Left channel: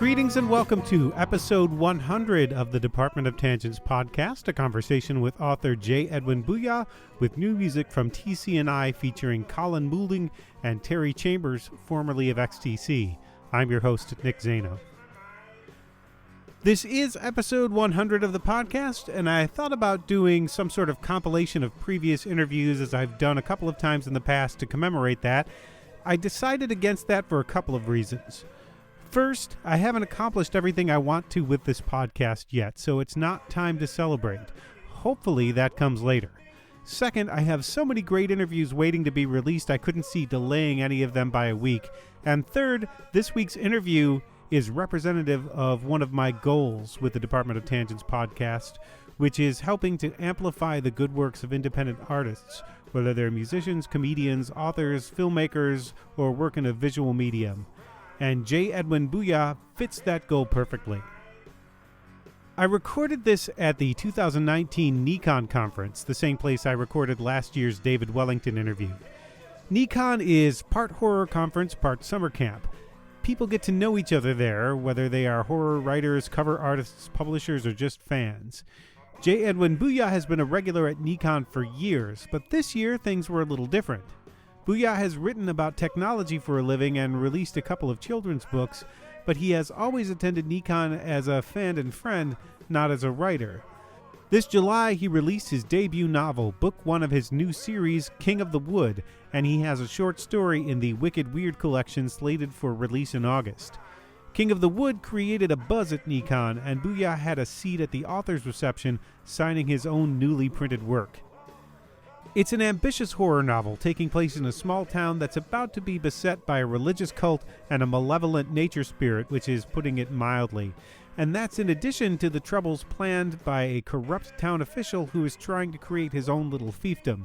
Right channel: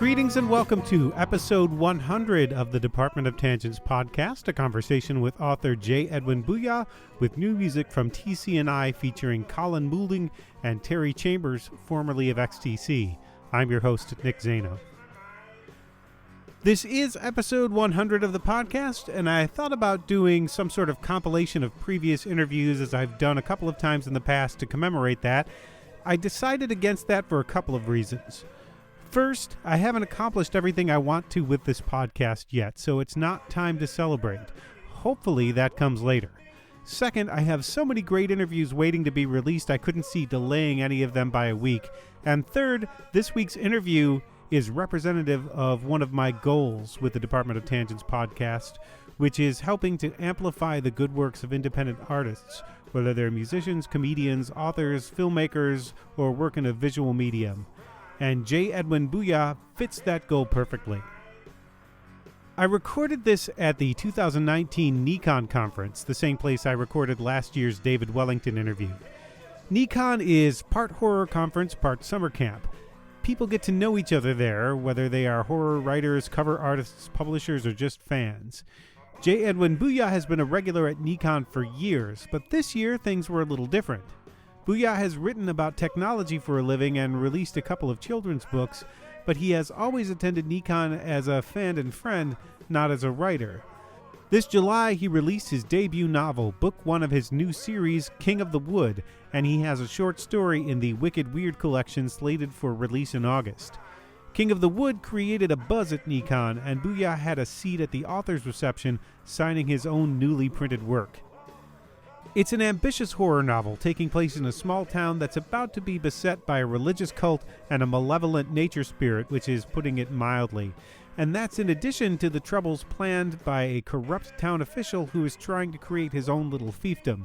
Greetings and welcome to episode 100 of the Department of Tangents podcast, a conversation with author J. Edwin Buja with new music from TC&I featuring Colin Moulding and Terry Chambers, formerly of XTC. I'm your host, Nick Zano. This is episode 100 of the podcast, and I thought about doing some sort of compilation of previous interviews as I've done a couple of times in the past to commemorate that. I decided against that for a couple of reasons. First, I haven't accomplished everything I want to with this podcast yet, so it's not time to celebrate. Hopefully that comes later. Second, I have so many great interviews waiting to be released I couldn't see delaying any of them by a week. And third, this week's interview is representative of one of my goals with the Department of Tangents podcast, which is helping to amplify the good works of independent artists, whether they're musicians, comedians, authors, filmmakers, or work in a visual medium. And J. Edwin Buja fits that goal perfectly. I recorded this at the 2019 NECON conference, the same place I recorded last year's David Wellington interview. NECON is part horror conference, part summer camp. People get to know each other there, whether they are horror writers, cover artists, publishers, or just fans. J. Edwin Buja has been a regular at NECON for years, but this year things were a little different. Buja has written about technology for a living and released a couple of children's books, but he has always attended NECON as a fan and friend, not as a writer. This July, he released his debut novel, book one of his new series, King of the Wood, and he has a short story in the Wicked Weird collection slated for release in August. King of the Wood created a buzz at NECON, and Buja had a seat at the author's reception, signing his own newly printed work. It's an ambitious horror novel taking place in a small town that's about to be beset by a religious cult and a malevolent nature spirit, which is putting it mildly. And that's in addition to the troubles planned by a corrupt town official who is trying to create his own little fiefdom.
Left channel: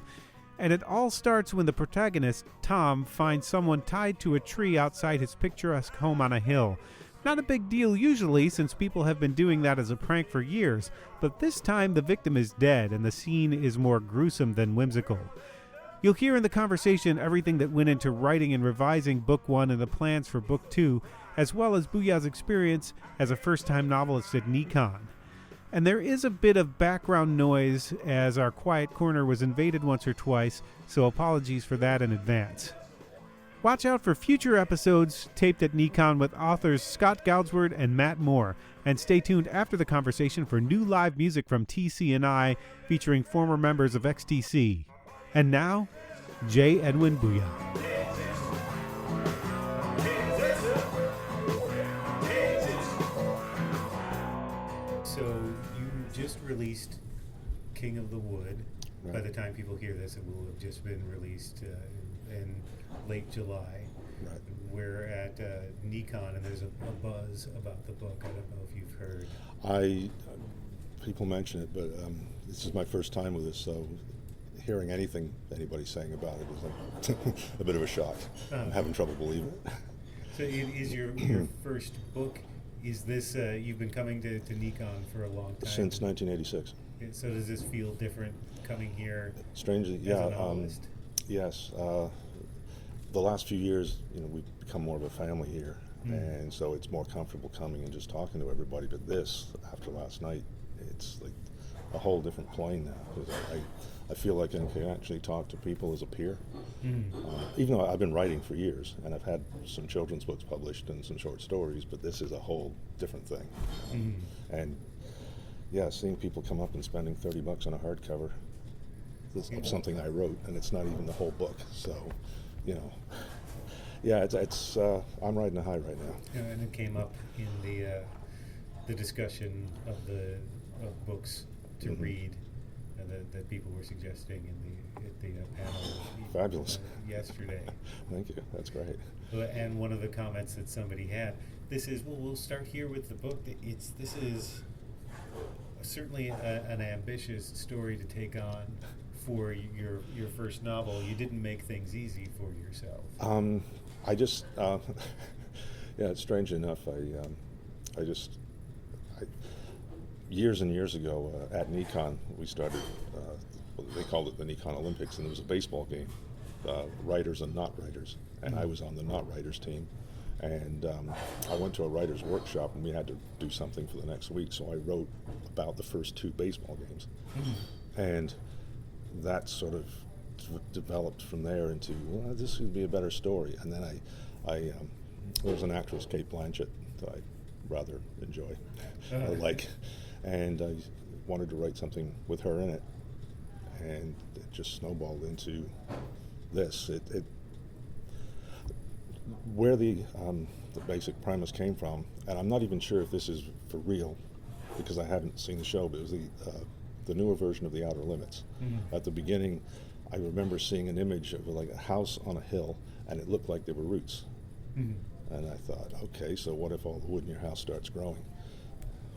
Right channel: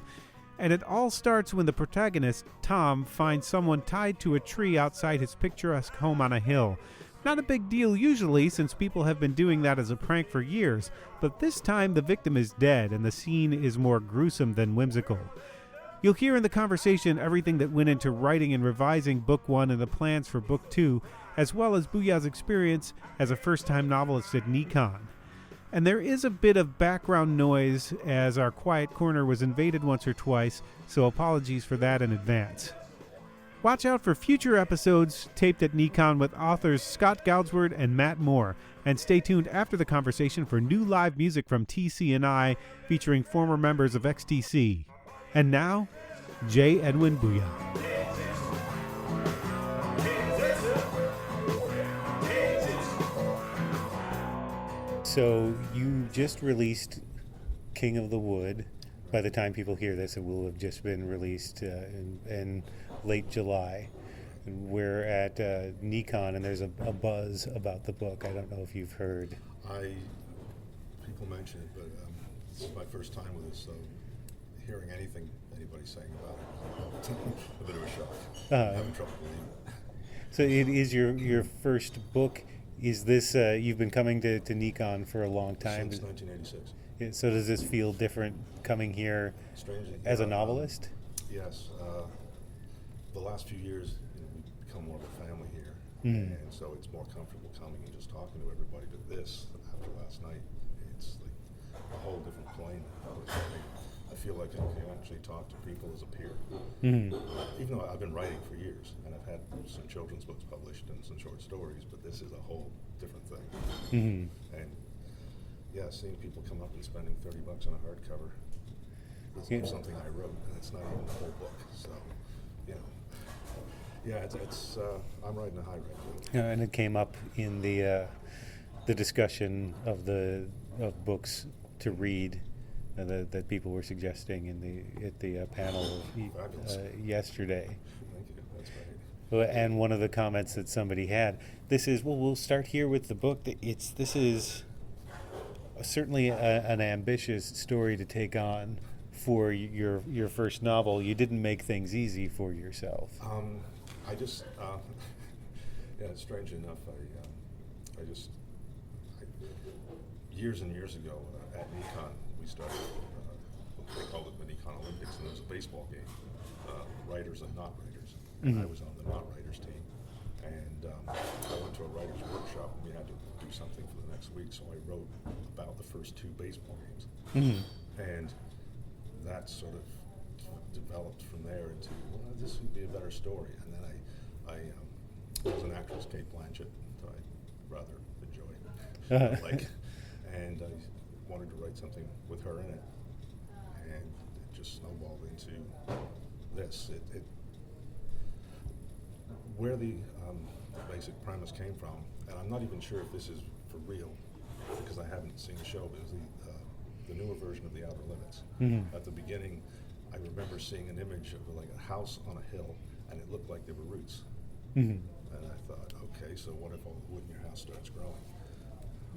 And it all starts when the protagonist, Tom, finds someone tied to a tree outside his picturesque home on a hill. Not a big deal usually, since people have been doing that as a prank for years, but this time the victim is dead and the scene is more gruesome than whimsical. You'll hear in the conversation everything that went into writing and revising Book 1 and the plans for Book 2, as well as Buja's experience as a first-time novelist at NECON. And there is a bit of background noise as our quiet corner was invaded once or twice, so apologies for that in advance. Watch out for future episodes taped at NECON with authors Scott Goudsward and Matt Moore, and stay tuned after the conversation for new live music from TC&I featuring former members of XTC. And now, J. Edwin Buja. So you just released King of the Wood. Right. By the time people hear this, it will have just been released in late July. Right. We're at NECON, and there's a buzz about the book. I don't know if you've heard. People mention it, but this is my first time with this, so hearing anything anybody's saying about it is a bit of a shock. I'm having trouble believing it. So it is your first book. Is this, you've been coming to NECON for a long time? Since 1986. So does this feel different coming here strangely as a novelist? Yes. The last few years, we've become more of a family here, and so it's more comfortable coming and just talking to everybody. But this, after last night, it's like a whole different plane now. I feel like I can actually talk to people as a peer, even though I've been writing for years, and I've had some children's books published and some short stories, but this is a whole different thing. And yeah, seeing people come up and spending $30 on a hardcover, this is something I wrote, and it's not even the whole book, so, yeah, it's I'm riding a high right now. And it came up in the discussion of books to read that people were suggesting at the panel yesterday. Thank you. That's great. And one of the comments that somebody had, we'll start here with the book. This is certainly an ambitious story to take on for your first novel. You didn't make things easy for yourself. Yeah, strange enough, years and years ago at NECON, we started, they called it the NECON Olympics, and it was a baseball game, writers and not writers. And I was on the not writers team, And I went to a writer's workshop, and we had to do something for the next week, so I wrote about the first 2 baseball games. And that sort of developed from there into, well, this would be a better story. And then there's an actress, Kate Blanchett, that I rather enjoy, like, and I wanted to write something with her in it, and it just snowballed into this. Where the basic premise came from, and I'm not even sure if this is for real, because I haven't seen the show, but it was the newer version of The Outer Limits. At the beginning, I remember seeing an image of like a house on a hill, and it looked like there were roots. And I thought, okay, so what if all the wood in your house starts growing?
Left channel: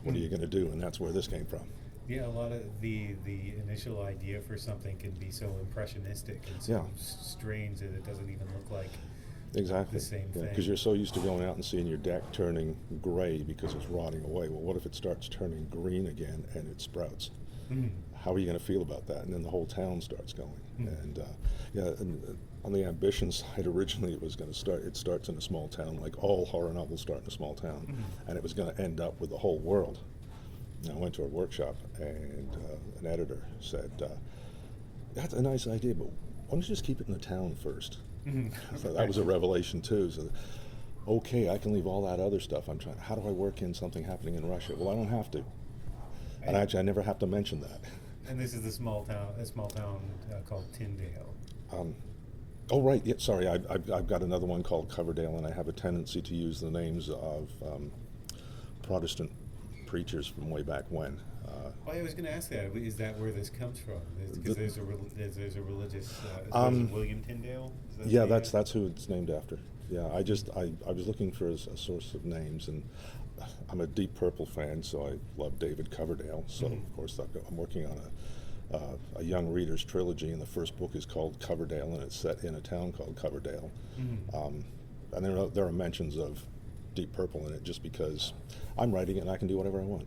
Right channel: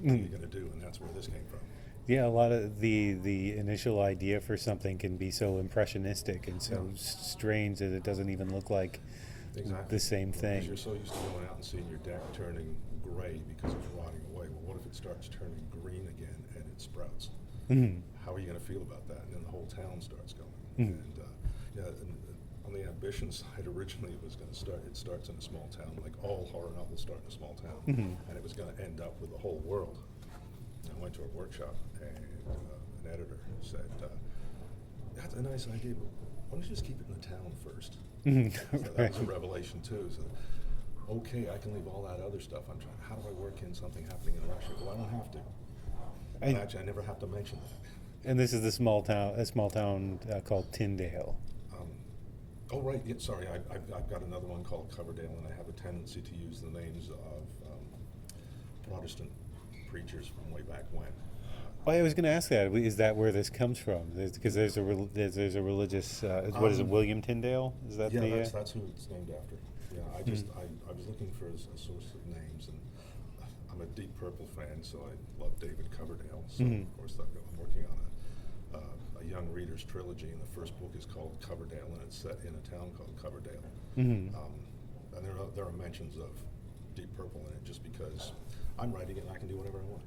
What are you going to do? And that's where this came from. Yeah, a lot of the initial idea for something can be so impressionistic and so strange that it doesn't even look like the same thing. Because you're so used to going out and seeing your deck turning gray because it's rotting away. Well, what if it starts turning green again and it sprouts? How are you going to feel about that? And then the whole town starts going. And and on the ambition side, originally it was going to start. It starts in a small town, like all horror novels start in a small town, and it was going to end up with the whole world. And I went to a workshop, and an editor said, "That's a nice idea, but why don't you just keep it in the town first?" So that was a revelation too. So, okay, I can leave all that other stuff. I'm trying. How do I work in something happening in Russia? Well, I don't have to. And actually, I never have to mention that. And this is a small town called Tyndale. Oh, right. Yeah, sorry, I've got another one called Coverdale, and I have a tendency to use the names of Protestant preachers from way back when. I was going to ask that. Is that where this comes from? Because there's a religious. What is it? William Tyndale? Is that? Yeah, that's who it's named after. Yeah, I was looking for a source of names, and I'm a Deep Purple fan, so I love David Coverdale. So of course I'm working on a young reader's trilogy, and the first book is called Coverdale, and it's set in a town called Coverdale. And there are mentions of Deep Purple in it, just because I'm writing it and I can do whatever I want.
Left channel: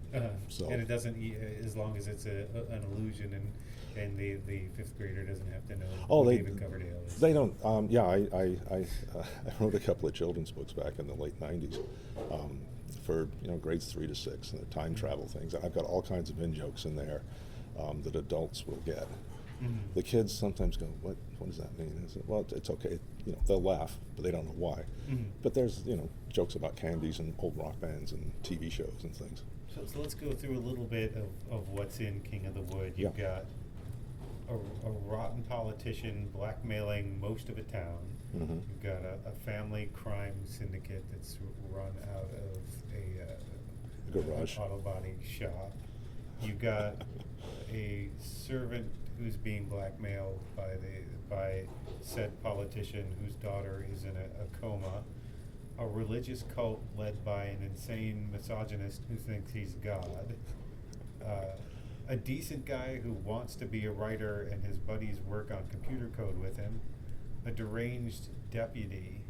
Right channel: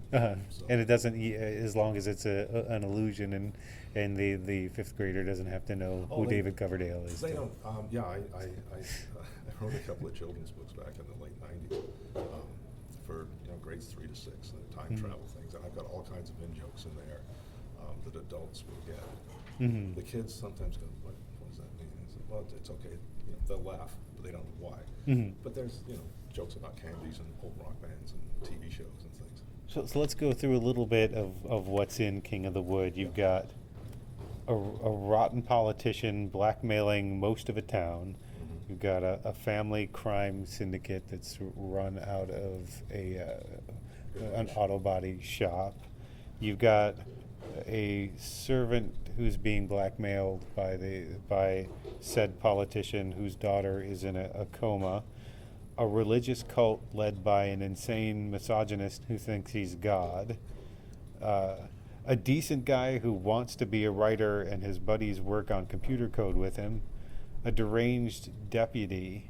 So. And it doesn't, as long as it's an illusion, and the fifth grader doesn't have to know who David Coverdale is. They don't. I wrote a couple of children's books back in the late '90s. For grades 3 to 6, and the time travel things, and I've got all kinds of in-jokes in there that adults will get. The kids sometimes go, what does that mean? I said, well, it's okay, they'll laugh, but they don't know why. But there's jokes about candies and old rock bands and TV shows and things. So let's go through a little bit of what's in King of the Wood. You've got a rotten politician blackmailing most of a town. You've got a family crime syndicate that's run out of an auto body shop. You've got a servant who's being blackmailed by said politician whose daughter is in a coma. A religious cult led by an insane misogynist who thinks he's God. A decent guy who wants to be a writer and his buddies work on computer code with him. A deranged deputy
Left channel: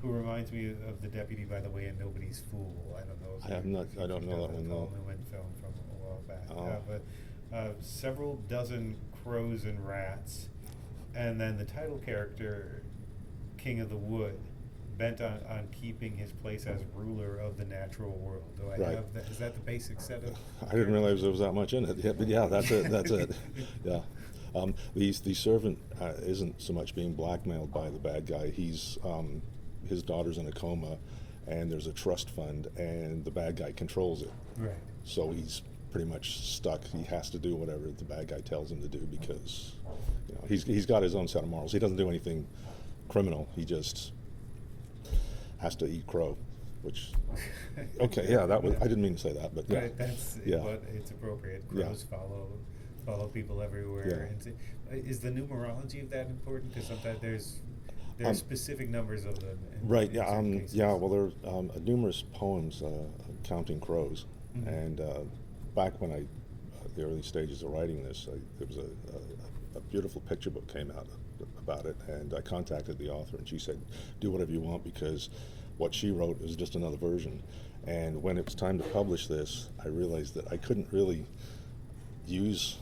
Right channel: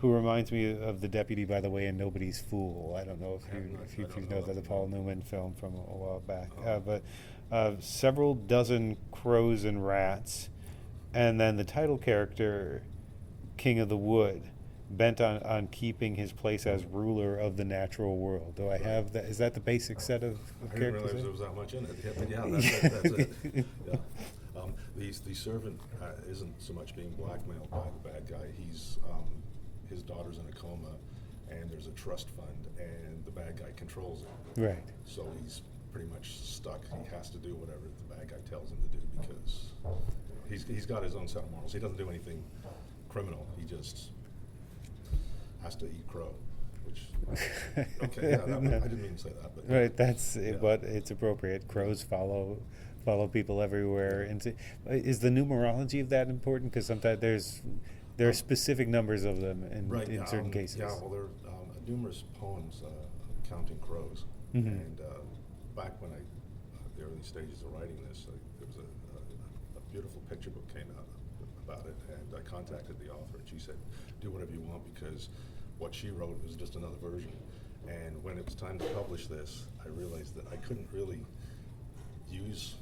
who reminds me of the deputy, by the way, in Nobody's Fool. I don't know if you know the Paul Newman film from a while back. But several dozen crows and rats, and then the title character, King of the Wood, bent on keeping his place as ruler of the natural world. Do I have that? Is that the basic set of I didn't realize there was that much in it. Yeah, but yeah, that's it. That's it. Yeah. The servant isn't so much being blackmailed by the bad guy. He's his daughter's in a coma, and there's a trust fund, and the bad guy controls it. Right. So he's pretty much stuck. He has to do whatever the bad guy tells him to do, because he's got his own set of morals. He doesn't do anything criminal. He just has to eat crow, which okay, yeah, I didn't mean to say that, but right, that's but it's appropriate. Crows follow people everywhere. And is the numerology of that important? Because sometimes there are specific numbers of them in certain cases. Yeah, well, there are numerous poems counting crows, and back when the early stages of writing this, there was a beautiful picture book came out about it, and I contacted the author, and she said, do whatever you want, because what she wrote was just another version. And when it was time to publish this, I realized that I couldn't really use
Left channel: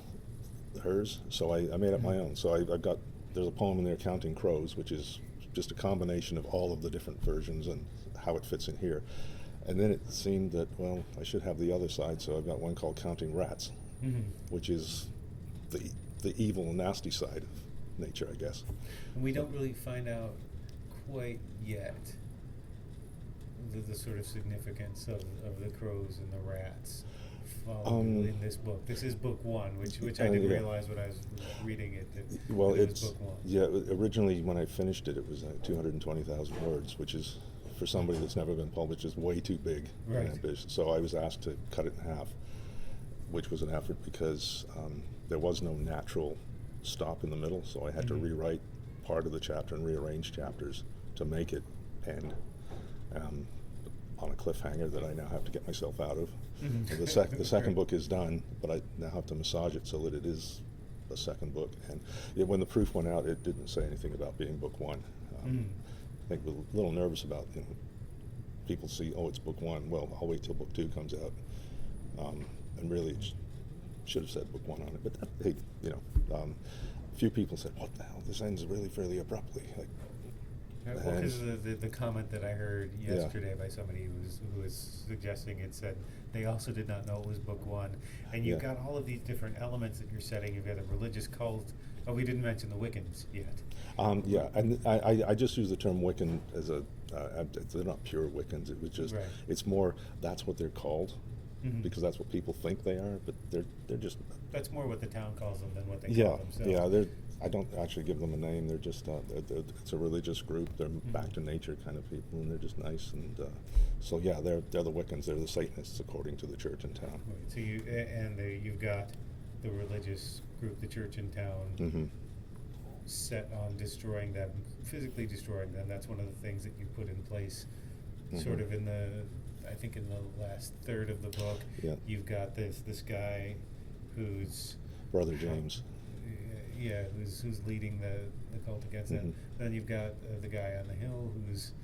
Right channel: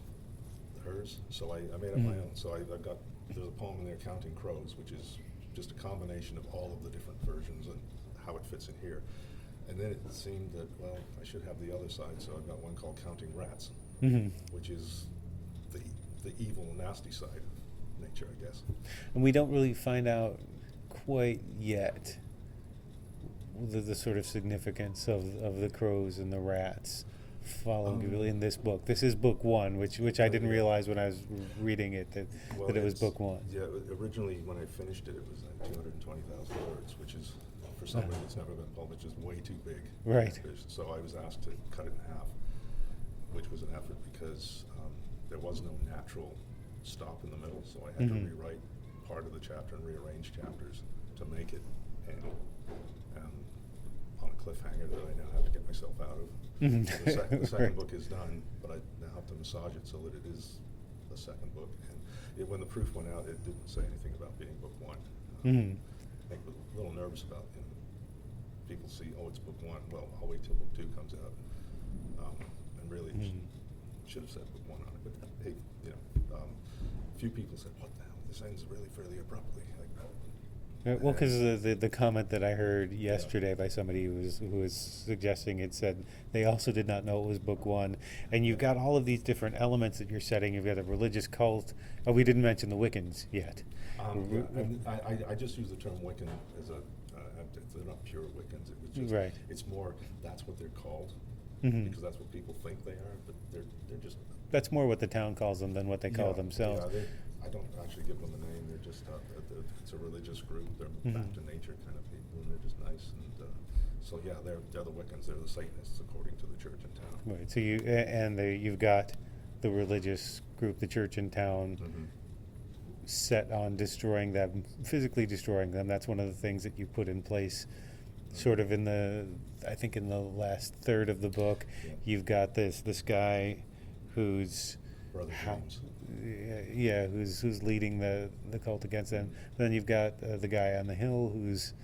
hers, so I made up my own. So there's a poem in there, Counting Crows, which is just a combination of all of the different versions and how it fits in here. And then it seemed that, well, I should have the other side, so I've got one called Counting Rats, which is the evil and nasty side of nature, I guess. And we don't really find out quite yet the sort of significance of the crows and the rats following in this book. This is book one, which I didn't realize when I was reading it that it was book one. Yeah, originally when I finished it, it was 220,000 words, which is, for somebody that's never been published, is way too big. Right. So I was asked to cut it in half, which was an effort because there was no natural stop in the middle, so I had to rewrite part of the chapter and rearrange chapters to make it end on a cliffhanger that I now have to get myself out of. The second book is done, but I now have to massage it so that it is a second book. And when the proof went out, it didn't say anything about being book one. I think we're a little nervous about, people see, oh, it's book one. Well, I'll wait till book two comes out. And really should have said book one on it. But hey, a few people said, what the hell, this ends really fairly abruptly. Well, because the comment that I heard yesterday by somebody who was suggesting it said they also did not know it was book one, and you've got all of these different elements that you're setting. You've got a religious cult. Oh, we didn't mention the Wiccans yet. And I just use the term Wiccan as they're not pure Wiccans. It was just it's more that's what they're called because that's what people think they are, but they're just. That's more what the town calls them than what they call themselves. Yeah, I don't actually give them a name. They're just it's a religious group. They're back to nature kind of people, and they're just nice. And so they're the Wiccans. They're the Satanists according to the church in town. Right. So you've got the religious group, the church in town, set on destroying them, physically destroying them. That's one of the things that you put in place, sort of in the last third of the book. Yeah. You've got this guy who's Brother James. Who's leading the cult against them. Then you've got the guy on the hill who's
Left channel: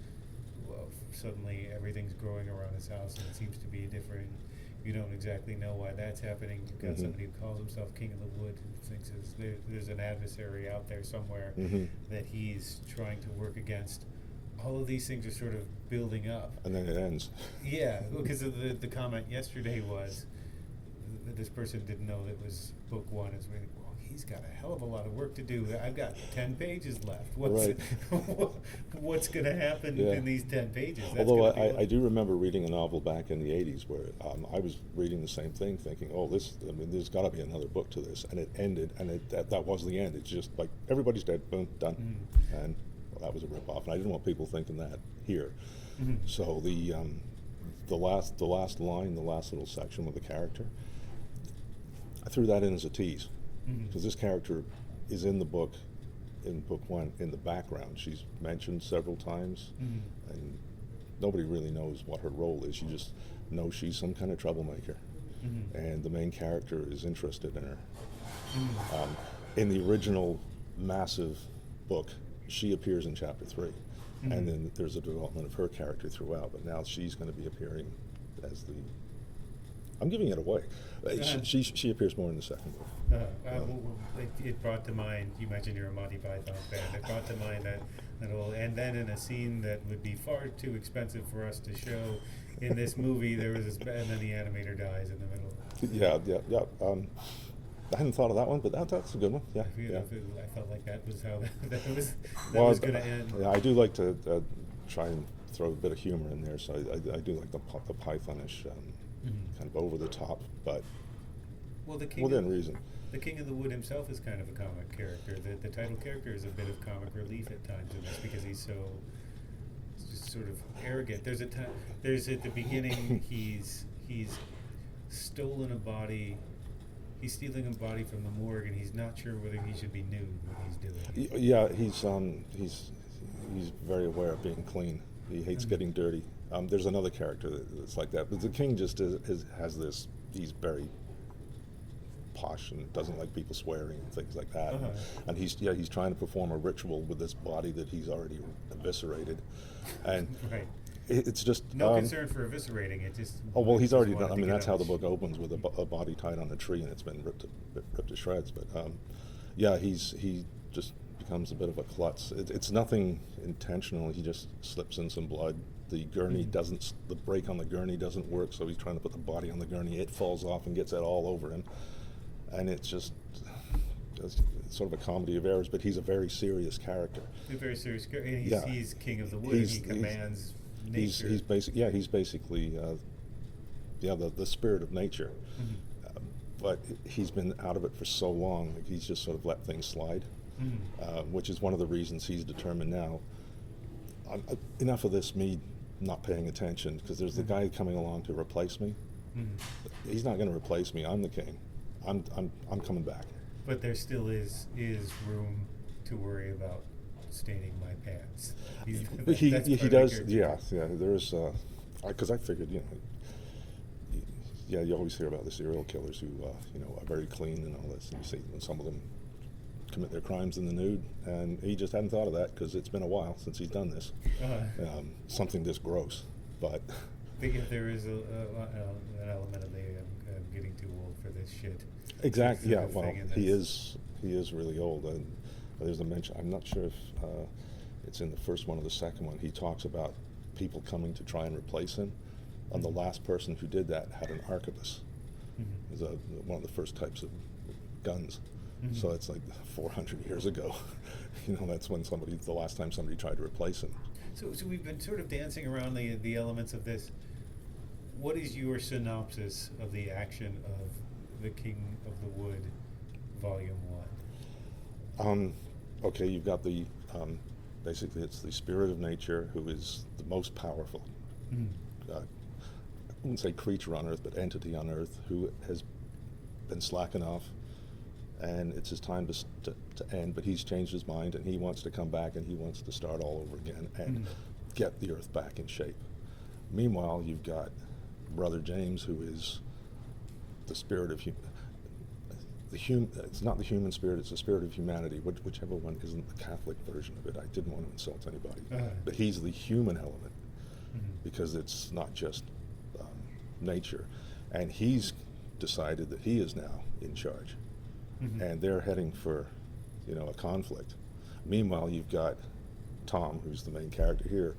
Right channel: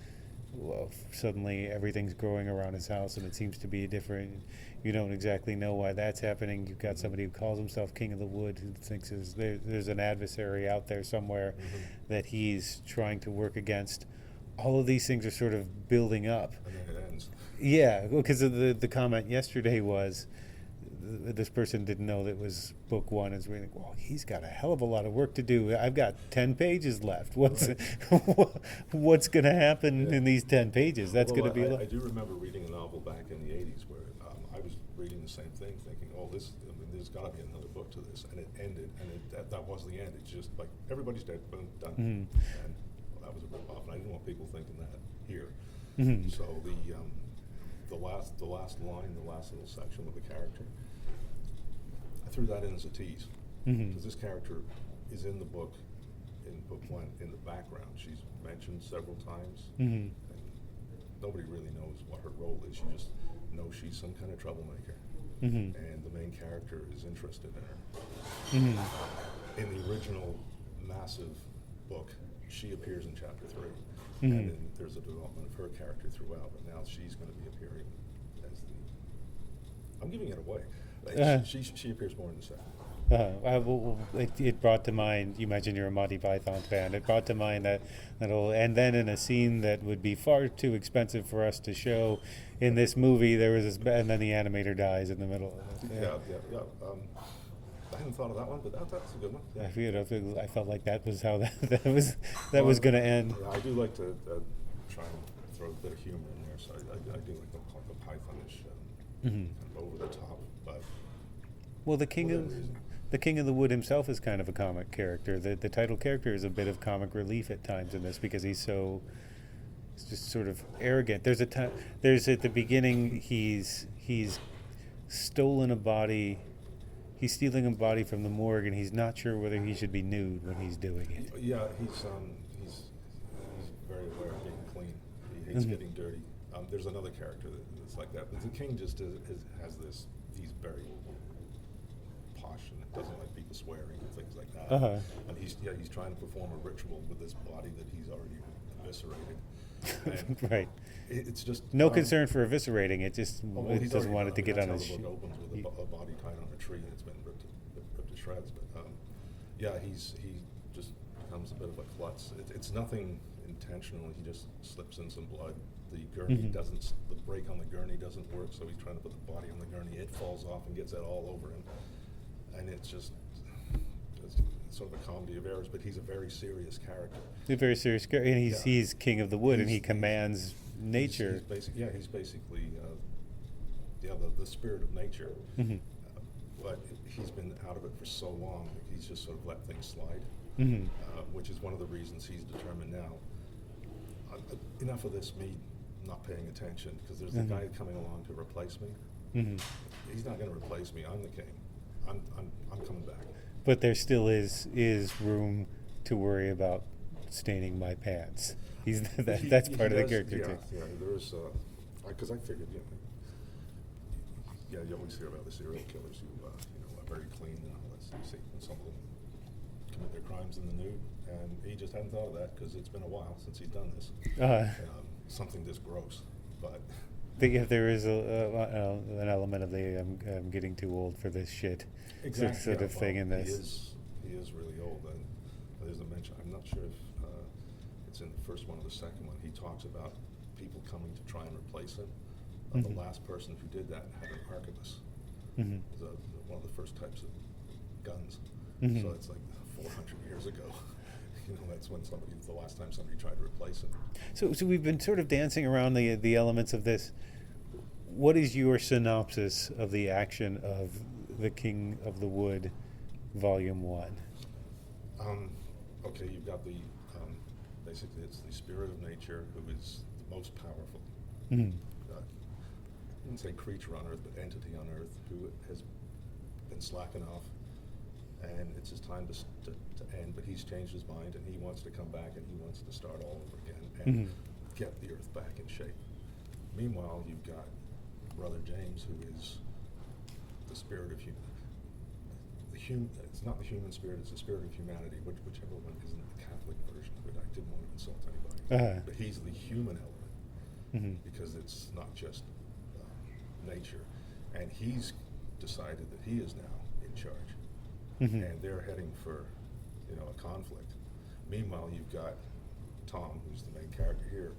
suddenly everything's growing around his house and it seems to be different. You don't exactly know why that's happening. You've got somebody who calls himself King of the Wood who thinks there's an adversary out there somewhere that he's trying to work against. All of these things are sort of building up. And then it ends. Yeah, because the comment yesterday was this person didn't know that it was book one. Is really, well, he's got a hell of a lot of work to do. I've got 10 pages left. What's going to happen in these 10 pages? That's going to be. I do remember reading a novel back in the 80s where I was reading the same thing, thinking, oh, there's got to be another book to this, and it ended, and that was the end. It's just like everybody's dead, boom, done, and that was a rip-off, and I didn't want people thinking that here. So the last line, the last little section with the character, I threw that in as a tease because this character is in the book, in book one, in the background. She's mentioned several times, and nobody really knows what her role is. You just know she's some kind of troublemaker, and the main character is interested in her. In the original massive book, she appears in chapter 3, and then there's a development of her character throughout, but now she's going to be appearing as the... I'm giving it away. She appears more in the second book. It brought to mind, you mentioned you're a Monty Python fan, it brought to mind that little, and then in a scene that would be far too expensive for us to show in this movie, there was this, and then the animator dies in the middle. Yeah. I hadn't thought of that one, but that's a good one. Yeah, I felt like that was how that was going to end. Yeah, I do like to try and throw a bit of humor in there, so I do like the Pythonish kind of over the top, but the King of the Wood himself is kind of a comic character. The title character is a bit of comic relief at times in this because he's just sort of arrogant. There's at the beginning he's stolen a body. He's stealing a body from the morgue, and he's not sure whether he should be nude when he's doing it. Yeah, he's very aware of being clean. He hates getting dirty. There's another character that's like that, but the king just has this. He's very posh and doesn't like people swearing and things like that. And he's trying to perform a ritual with this body that he's already eviscerated, and right. It's just no concern for eviscerating it. Just he's already done. I mean, that's how the book opens, with a body tied on a tree and it's been ripped to shreds. But he just becomes a bit of a klutz. It's nothing intentional. He just slips in some blood the gurney doesn't, the brake on the gurney doesn't work, so he's trying to put the body on the gurney. It falls off and gets that all over him. And it's just sort of a comedy of errors, but he's a very serious character. He's a very serious character, and he's king of the wood, and he commands nature. He's basically the spirit of nature. But he's been out of it for so long, like he's just sort of let things slide, which is one of the reasons he's determined now, enough of this, me not paying attention, because there's the guy coming along to replace me. He's not going to replace me. I'm the king. I'm coming back. But there still is room to worry about staining my pants. That's part of the character. Yeah. There's because I figured, you always hear about the serial killers who are very clean and all this. And you see some of them commit their crimes in the nude, and he just hadn't thought of that because it's been a while since he's done this. Something this gross, but. There is an element of I'm getting too old for this shit. Exactly. Sort of thing in this. He is really old, and there's a mention. I'm not sure if it's in the first one or the second one. He talks about people coming to try and replace him. And the last person who did that had an arquebus. It was one of the first types of guns. So it's like 400 years ago. That's when the last time somebody tried to replace him. So we've been sort of dancing around the elements of this. What is your synopsis of the action of The King of the Wood, Volume 1? Okay, you've got the, basically it's the spirit of nature who is the most powerful. I wouldn't say creature on Earth, but entity on Earth who has been slacking off, and it's his time to end, but he's changed his mind, and he wants to come back, and he wants to start all over again and get the Earth back in shape. Meanwhile, you've got Brother James, who is the spirit of it's not the human spirit, it's the spirit of humanity, whichever one isn't the Catholic version of it. I didn't want to insult anybody. But he's the human element, because it's not just nature. And he's decided that he is now in charge. And they're heading for, a conflict. Meanwhile, you've got Tom, who's the main character here,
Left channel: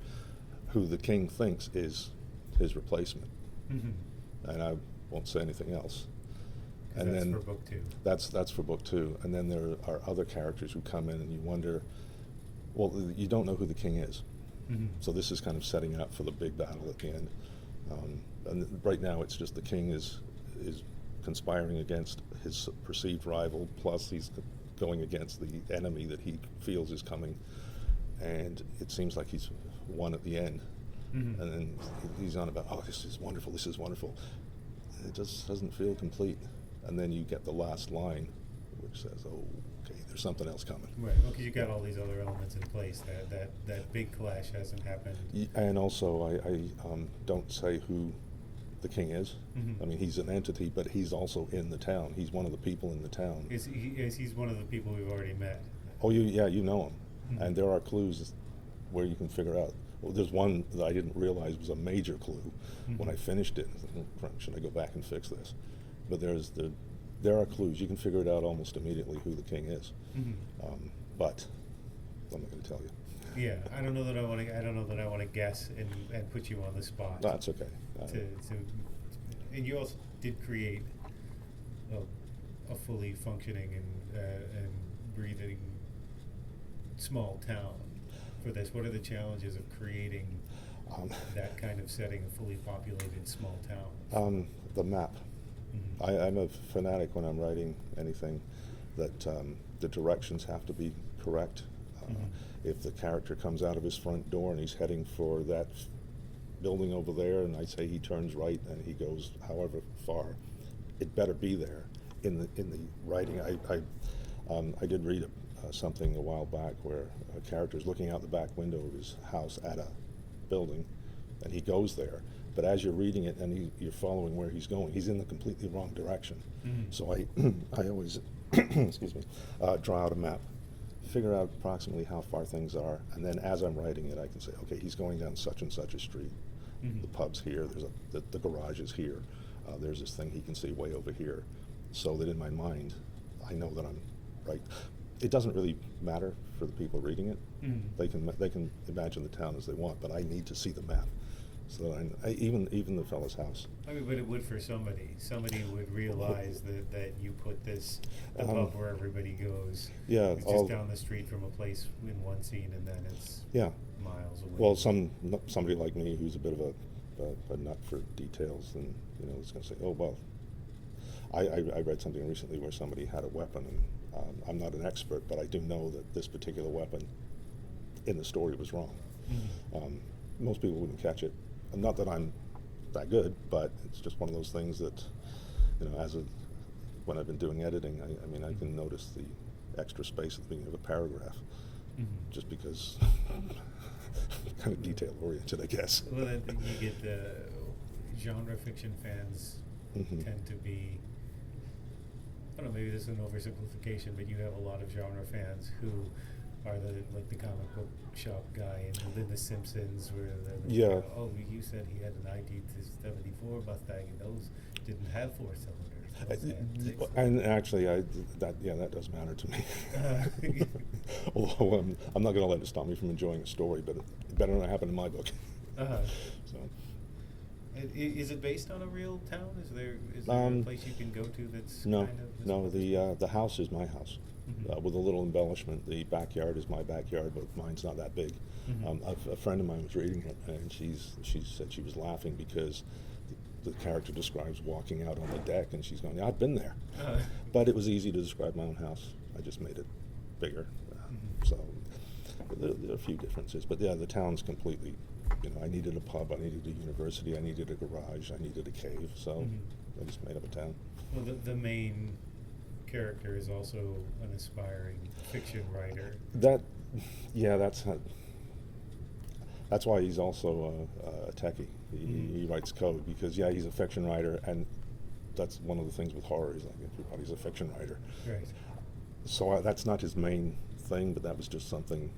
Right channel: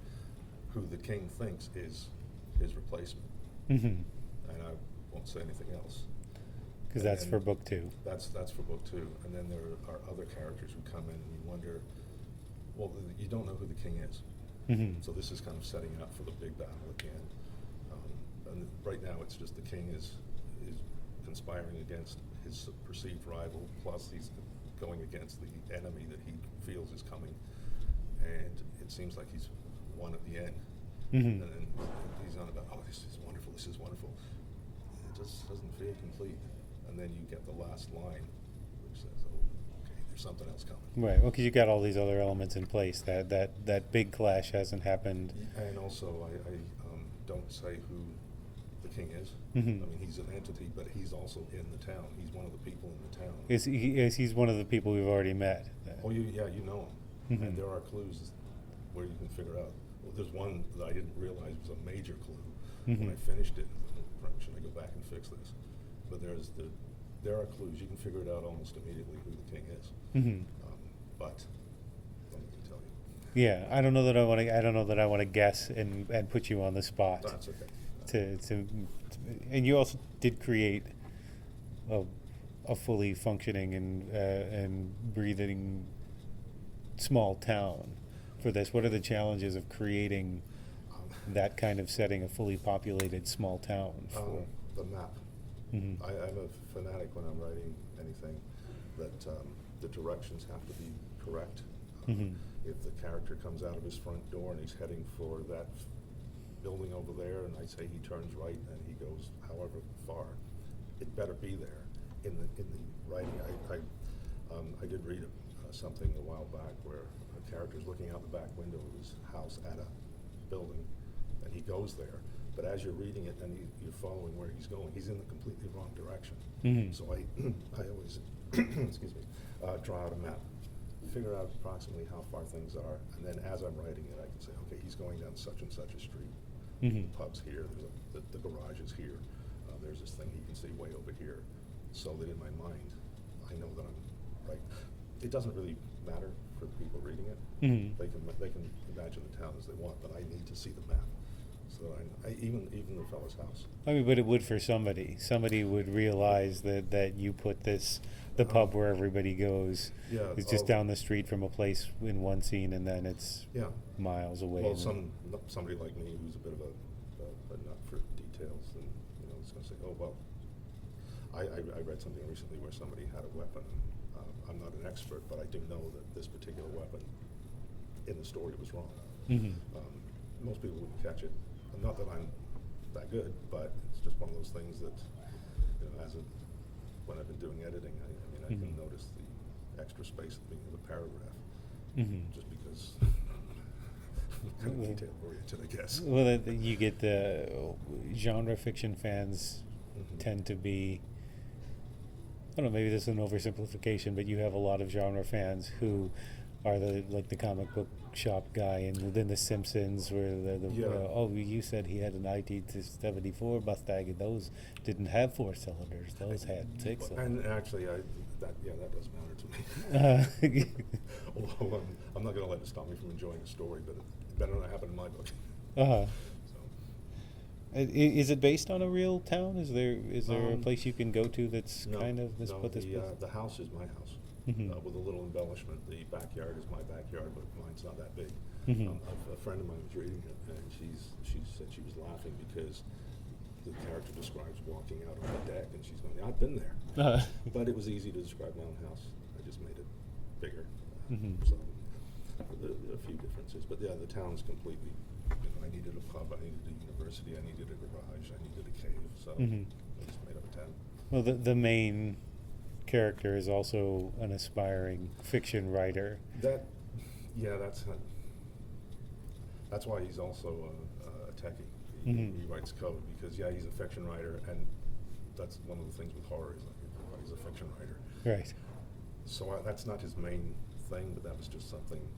who the king thinks is his replacement. And I won't say anything else. Because that's for book 2. That's for book 2. And then there are other characters who come in, and you wonder, well, you don't know who the king is. So this is kind of setting up for the big battle at the end. And right now, it's just the king is conspiring against his perceived rival, plus he's going against the enemy that he feels is coming, and it seems like he's won at the end. And then he's on about, this is wonderful, it just doesn't feel complete. And then you get the last line, which says, okay, there's something else coming. Right, well, because you got all these other elements in place. That big clash hasn't happened. And also, I don't say who the king is. I mean, he's an entity, but he's also in the town. He's one of the people in the town. He's one of the people we've already met. Oh, you know him. And there are clues where you can figure out. Well, there's one that I didn't realize was a major clue when I finished it. Should I go back and fix this? But there are clues. You can figure it out almost immediately who the king is. But I'm not going to tell you. Yeah, I don't know that I want to guess and put you on the spot. That's okay. And you also did create a fully functioning and breathing small town for this. What are the challenges of creating that kind of setting, a fully populated small town? The map. I'm a fanatic when I'm writing anything that the directions have to be correct. If the character comes out of his front door and he's heading for that building over there, and I say he turns right and he goes however far, it better be there in the writing. I did read something a while back where a character is looking out the back window of his house at a building, and he goes there. But as you're reading it and you're following where he's going, he's in the completely wrong direction. So I always excuse me, draw out a map, figure out approximately how far things are, and then as I'm writing it, I can say, okay, he's going down such and such a street. The pub's here. There's the garage is here. There's this thing he can see way over here, so that in my mind, I know that I'm right. It doesn't really matter for the people reading it. They can imagine the town as they want, but I need to see the map. so that even the fellow's house. I mean, but it would for somebody. Somebody would realize that you put the pub where everybody goes. Yeah, It's just down the street from a place in one scene, and then it's miles away. Well, somebody like me who's a bit of a nut for details, and is going to say, oh well. I read something recently where somebody had a weapon, and I'm not an expert, but I do know that this particular weapon in the story was wrong. Most people wouldn't catch it. Not that I'm that good, but it's just one of those things that, when I've been doing editing, I can notice the extra space at the beginning of a paragraph, just because I'm kind of detail oriented, I guess. Well, you get the genre fiction fans tend to be, I don't know, maybe this is an oversimplification, but you have a lot of genre fans who are the comic book shop guy, and within The Simpsons, where you said he had an IT-74 Mustang, and those didn't have 4 cylinders; those had 6. And actually, that does matter to me. Although I'm not going to let it stop me from enjoying a story, but it better not happen in my book. So. Is it based on a real town? Is there a place you can go to that's kind of this? No, the house is my house, with a little embellishment. The backyard is my backyard, but mine's not that big. A friend of mine was reading it, and she said she was laughing because the character describes walking out on the deck, and she's going, I've been there. But it was easy to describe my own house. I just made it bigger. So there are a few differences, but the town's completely. I needed a pub, I needed a university, I needed a garage, I needed a cave, so I just made up a town. Well, the main character is also an aspiring fiction writer. That's why he's also a techie. He writes code because he's a fiction writer, and that's one of the things with horror is like everybody's a fiction writer. Right. So that's not his main thing, but that was just something.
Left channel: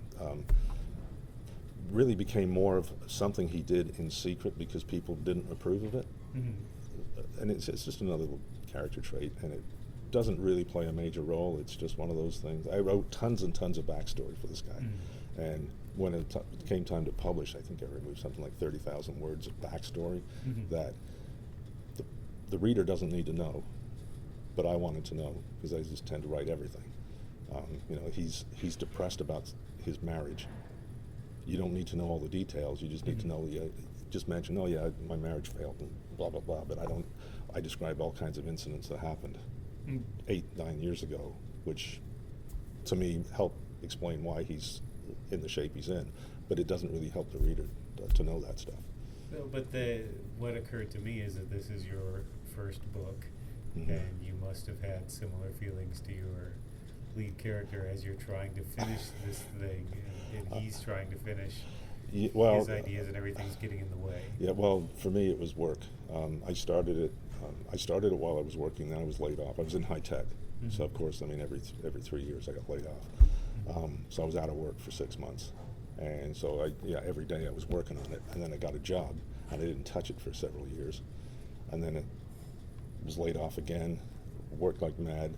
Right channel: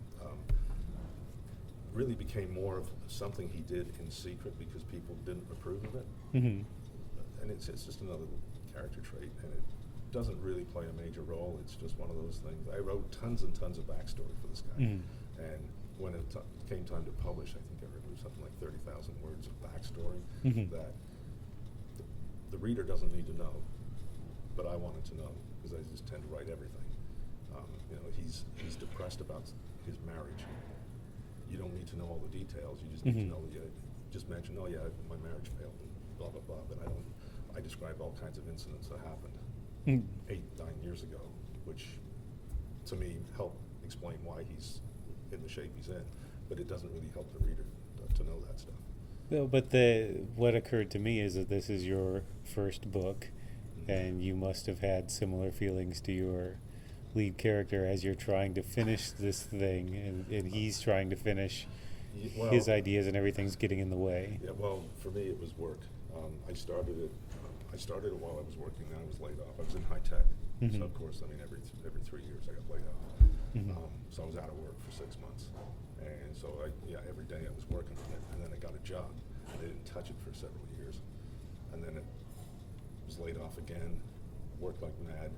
Really became more of something he did in secret because people didn't approve of it. And it's just another little character trait, and it doesn't really play a major role. It's just one of those things. I wrote tons and tons of backstory for this guy, and when it came time to publish, I think I removed something like 30,000 words of backstory that the reader doesn't need to know, but I wanted to know because I just tend to write everything. He's depressed about his marriage. You don't need to know all the details. You just need to know. Just mention, my marriage failed, and blah blah blah. But I describe all kinds of incidents that happened 8-9 years ago, which to me help explain why he's in the shape he's in. But it doesn't really help the reader to know that stuff. No, but what occurred to me is that this is your first book, and you must have had similar feelings to your lead character as you're trying to finish this thing, and he's trying to finish his ideas, and everything's getting in the way. Yeah, well, for me it was work. I started it while I was working. Then I was laid off. I was in high tech, so of course, every 3 years I got laid off. So I was out of work for 6 months, and so every day I was working on it, and then I got a job, and I didn't touch it for several years, and then it was laid off again, worked like mad.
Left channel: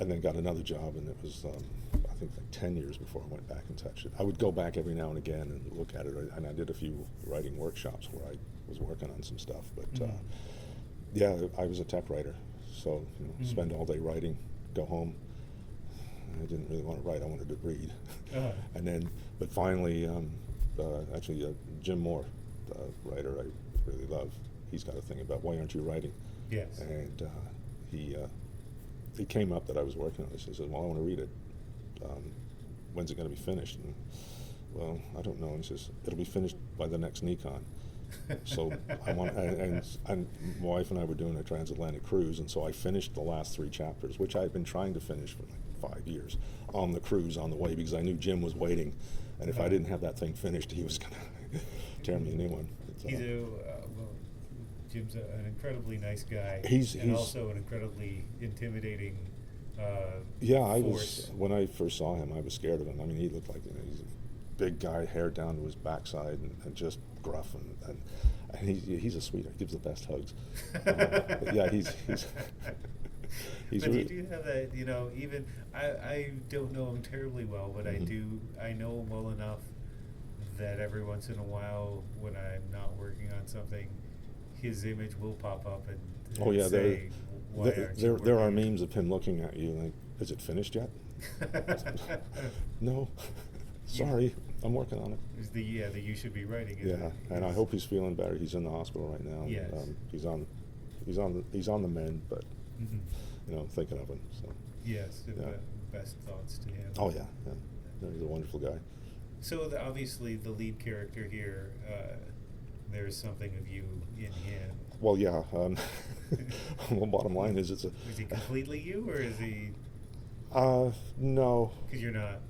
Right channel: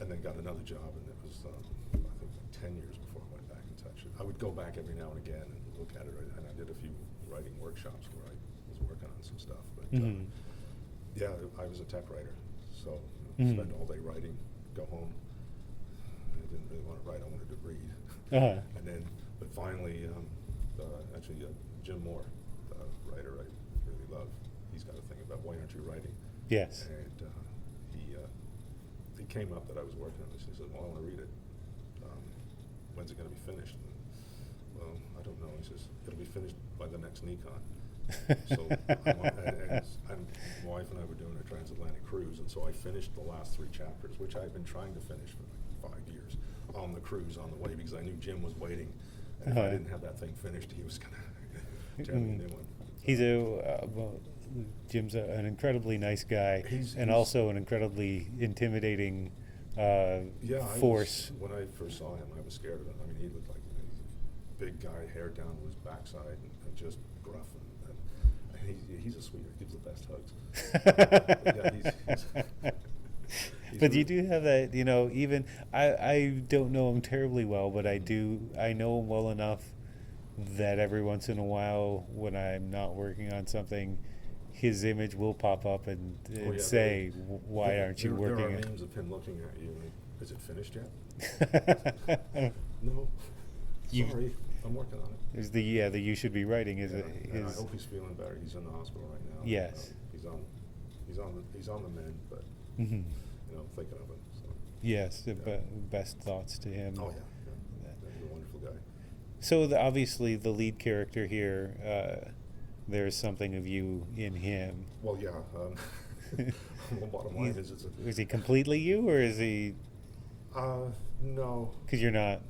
And then got another job, and it was, I think, like 10 years before I went back and touched it. I would go back every now and again and look at it, and I did a few writing workshops where I was working on some stuff. But I was a tech writer, so spend all day writing, go home. I didn't really want to write; I wanted to read. And then, but finally, Jim Moore, the writer I really love, he's got a thing about why aren't you writing? Yes. And it came up that I was working on this. He said, well, I want to read it. When's it going to be finished? And, well, I don't know. He says, it'll be finished by the next NECON. So and my wife and I were doing a transatlantic cruise, and so I finished the last 3 chapters, which I had been trying to finish for like 5 years on the cruise on the way, because I knew Jim was waiting, and if I didn't have that thing finished, he was going to tear me a new one. Jim's an incredibly nice guy, he's also an incredibly intimidating force. When I first saw him, I was scared of him. I mean, he looked like he's a big guy, hair down to his backside, and just gruff, and he's a sweetheart. Gives the best hugs. But he's but really, you do have that, even I don't know him terribly well, but I know him well enough that every once in a while, when I'm not working on something, his image will pop up and say, "Why aren't you working?" There are memes of him looking at you like, "Is it finished yet?" No, sorry, I'm working on it. There's the you should be writing. And I hope he's feeling better. He's in the hospital right now. Yes, he's on the mend, but you know, I'm thinking of him. So. Yes, best thoughts to him. Oh yeah, he's a wonderful guy. So obviously the lead character here, there's something of you in him. Well, yeah. Well, bottom line is is he completely you, or is he? No. Because you're not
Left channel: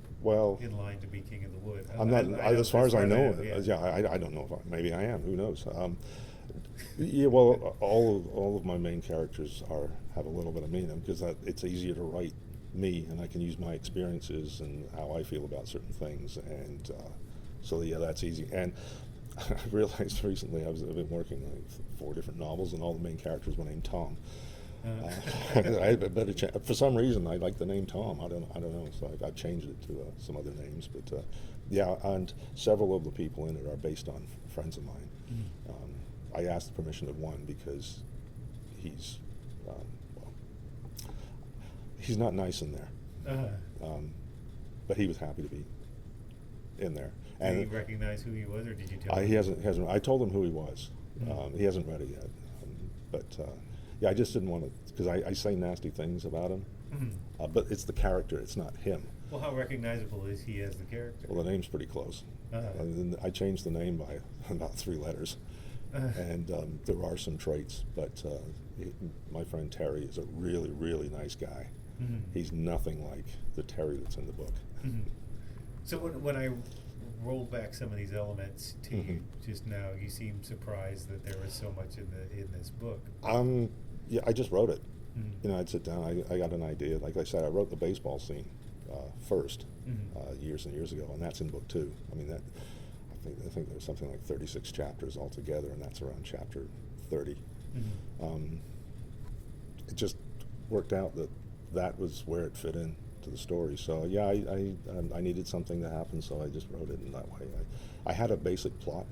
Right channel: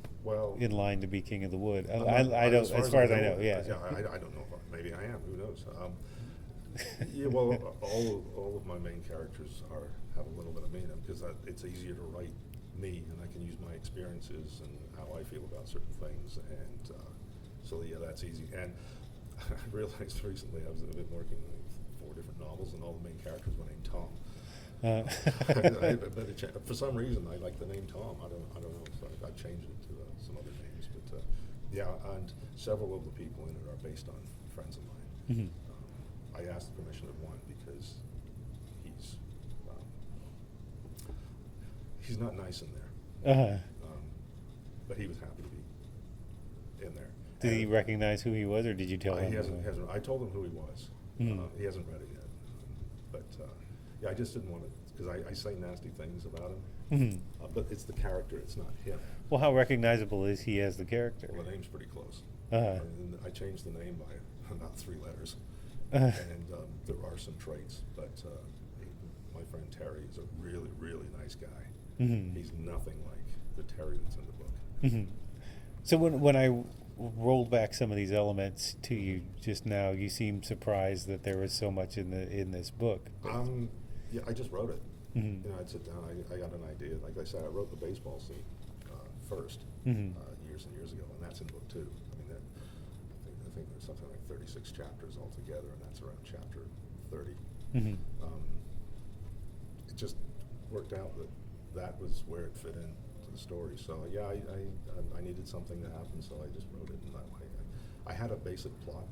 in line to be King of the Wood. As far as I know, I don't know. Maybe I am. Who knows? Yeah. Well, all of my main characters have a little bit of me in them because it's easier to write me, and I can use my experiences and how I feel about certain things, and so yeah, that's easy. And I realized recently I've been working like 4 different novels, and all the main characters were named Tom. For some reason, I like the name Tom. I don't know. So I've changed it to some other names, but yeah, and several of the people in it are based on friends of mine. Mm-hmm. I asked the permission of one because he's he's not nice in there, but he was happy to be in there. Did he recognize who he was, or did you tell him? He hasn't. I told him who he was. Mm-hmm. He hasn't read it yet, but yeah, I just didn't want to because I say nasty things about him. Mm-hmm. But it's the character; it's not him. Well, how recognizable is he as the character? Well, the name's pretty close. And I changed the name by about 3 letters, and there are some traits. But my friend Terry is a really, really nice guy. Mm-hmm. He's nothing like the Terry that's in the book. Mm-hmm. So when I rolled back some of these elements to you just now, you seem surprised that there was so much in this book. Yeah, I just wrote it. Mm-hmm. You know, I'd sit down. I got an idea. Like I said, I wrote the baseball scene first years and years ago, and that's in book 2. I mean, I think there's something like 36 chapters altogether, and that's around chapter 30. Mm-hmm. It just worked out that was where it fit in to the story. So yeah, I needed something to happen, so I just wrote it in that way. I had a basic plot,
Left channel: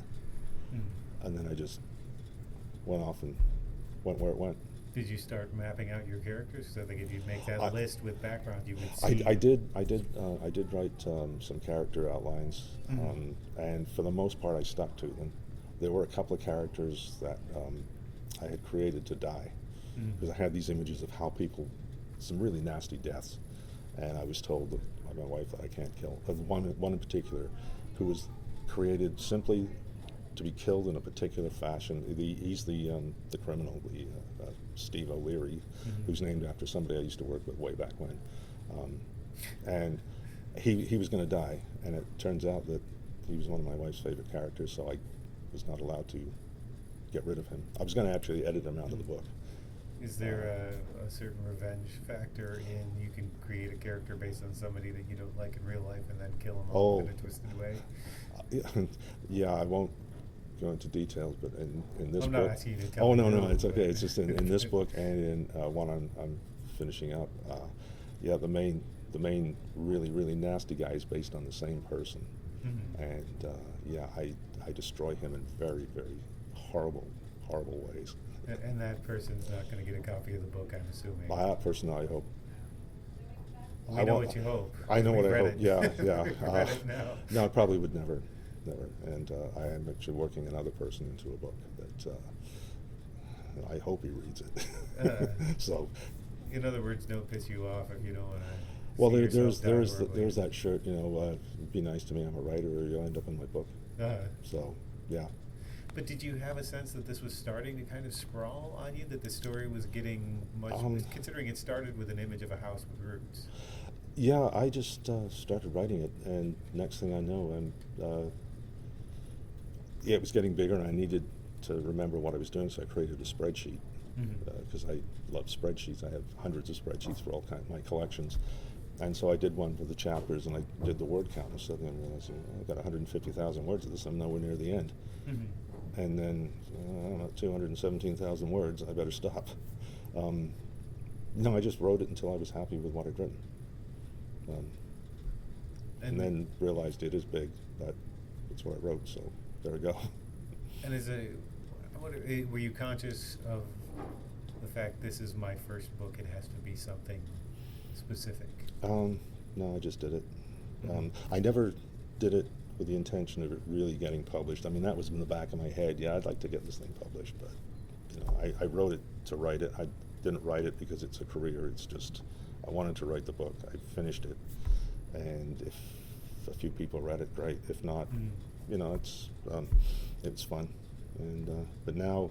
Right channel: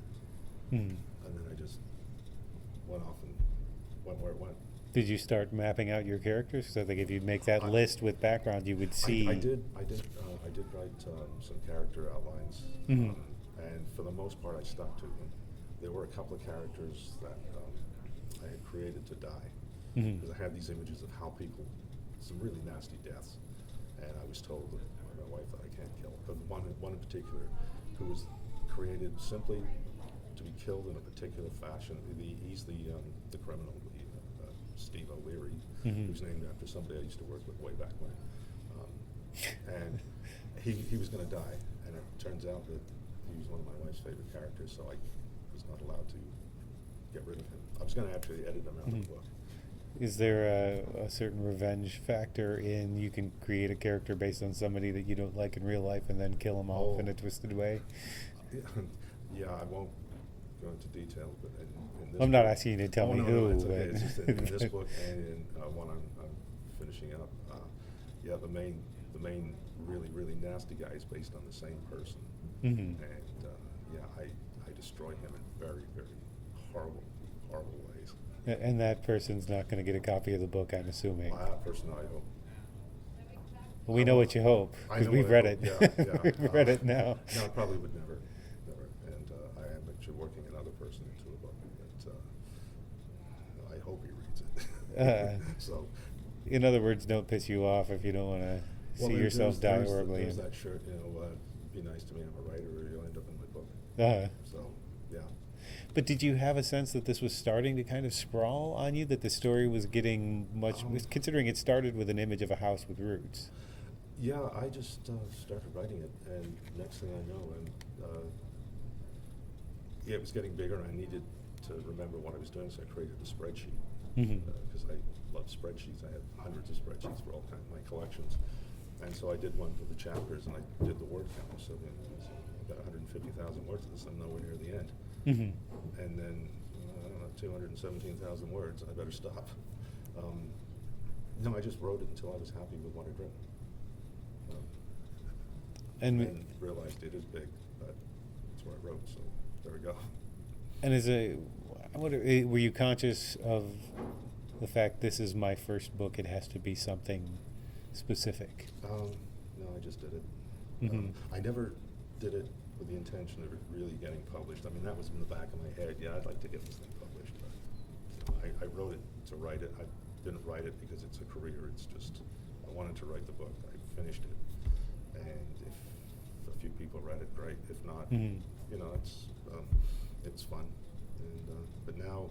and then I just went off and went where it went. Did you start mapping out your characters? So I think if you make that list with background, you would see. I did write some character outlines, and for the most part, I stuck to them. There were a couple of characters that I had created to die because I had these images of how people, some really nasty deaths, and I was told by my wife that I can't kill. One in particular, who was created simply to be killed in a particular fashion. He's the criminal, Steve O'Leary, who's named after somebody I used to work with way back when, and he was going to die, and it turns out that he was one of my wife's favorite characters, so I was not allowed to get rid of him. I was going to actually edit him out of the book. Is there a certain revenge factor in you can create a character based on somebody that you don't like in real life and then kill them off in a twisted way? Yeah, I won't go into details, but in this I'm book, not asking you to tell me. No, it's okay. It's just in this book and in one I'm finishing up. Yeah, the main really, really nasty guy is based on the same person, and yeah, I destroy him in very, very horrible ways. And that person's not going to get a copy of the book, I'm assuming. That person, I hope. We know what you hope. I know we've what read I hope. it. Yeah. We've read it now. No, I probably would never. And I am actually working another person into a book that I hope he reads it. So, in other words, don't piss you off if you don't want to see yourself die horribly. There's that shirt, be nice to me, I'm a writer, or you'll end up in my book. So, yeah. But did you have a sense that this was starting to kind of sprawl on you, that the story was getting much, considering it started with an image of a house with roots? Yeah, I just started writing it, and next thing I know, it was getting bigger, and I needed to remember what I was doing, so I created a spreadsheet, because I love spreadsheets. I have hundreds of spreadsheets for all kinds of my collections. And so I did one for the chapters, and I did the word count. So then I realized, I've got 150,000 words of this. I'm nowhere near the end. And then, I don't know, 217,000 words. I better stop. No, I just wrote it until I was happy with what I'd written. And then realized it is big, but that's what I wrote. So there we go. And were you conscious of the fact this is my first book, it has to be something specific? No, I just did it. Mm-hmm. I never did it with the intention of it really getting published. I mean, that was in the back of my head. Yeah, I'd like to get this thing published, but I wrote it to write it. I didn't write it because it's a career. It's just I wanted to write the book. I finished it, and if a few people read it, great. If not, it's fun. And but now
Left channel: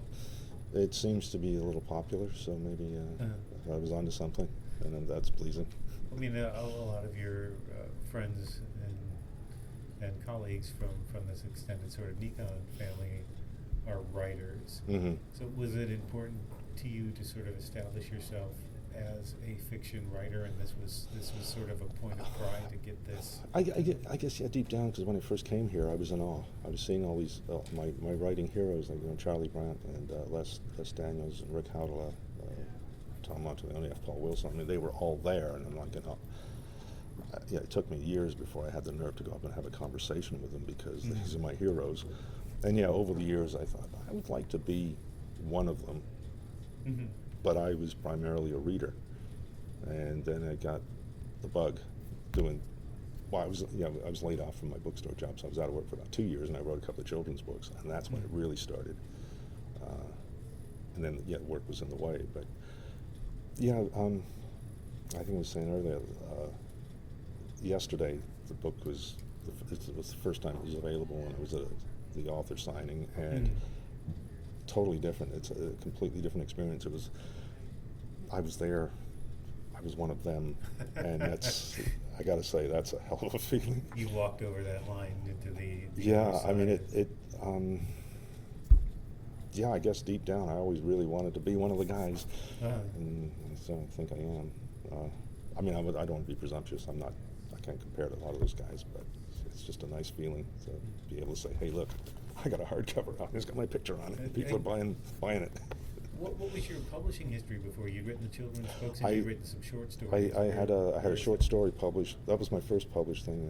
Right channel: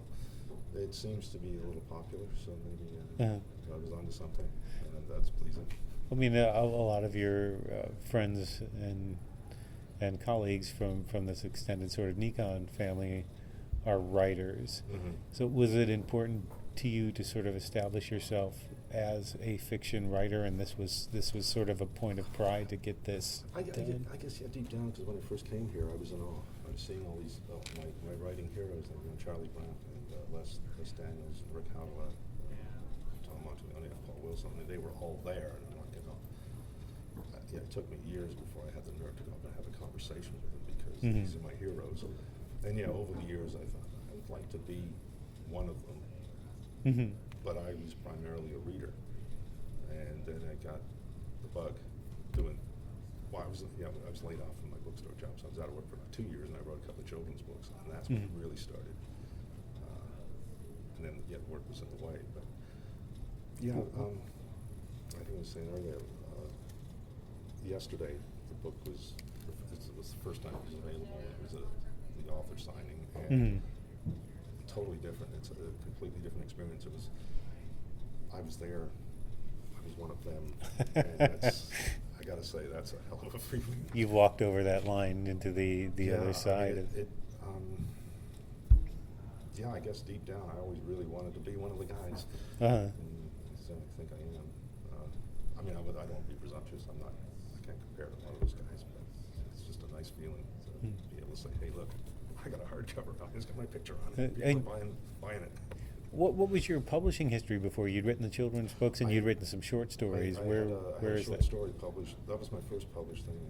it seems to be a little popular, so maybe I was onto something, and that's pleasing. I mean, a lot of your friends and colleagues from this extended sort of NECON family are writers. Mm-hmm. So was it important to you to sort of establish yourself as a fiction writer, and this was sort of a point of pride to get this? I guess deep down, because when I first came here, I was in awe. I was seeing all these my writing heroes like Charlie Brandt and Les Daniels and Rick Howdela, Tom Montaglione, Paul Wilson. I mean, they were all there, and I'm like, it took me years before I had the nerve to go up and have a conversation with them because these are my heroes. And over the years, I thought I would like to be one of them. Mm-hmm. But I was primarily a reader, and then I got the bug doing. Well, I was laid off from my bookstore job, so I was out of work for about 2 years, and I wrote a couple of children's books, and that's when it really started. And then work was in the way, but I think I was saying earlier. Yesterday, the book was the first time it was available, and it was the author signing, and totally different. It's a completely different experience. I was there. I was one of them, and I got to say, that's a hell of a feeling. You walked over that line into the other side. I mean, I guess deep down, I always really wanted to be one of the guys, and so I think I am. I mean, I don't want to be presumptuous. I can't compare to a lot of those guys, but it's just a nice feeling to be able to say, "Hey, look, I got a hardcover on. It's got my picture on it. People are buying it." What was your publishing history before? You'd written the children's books, and you'd written some short stories. I had a short story published. That was my first published thing,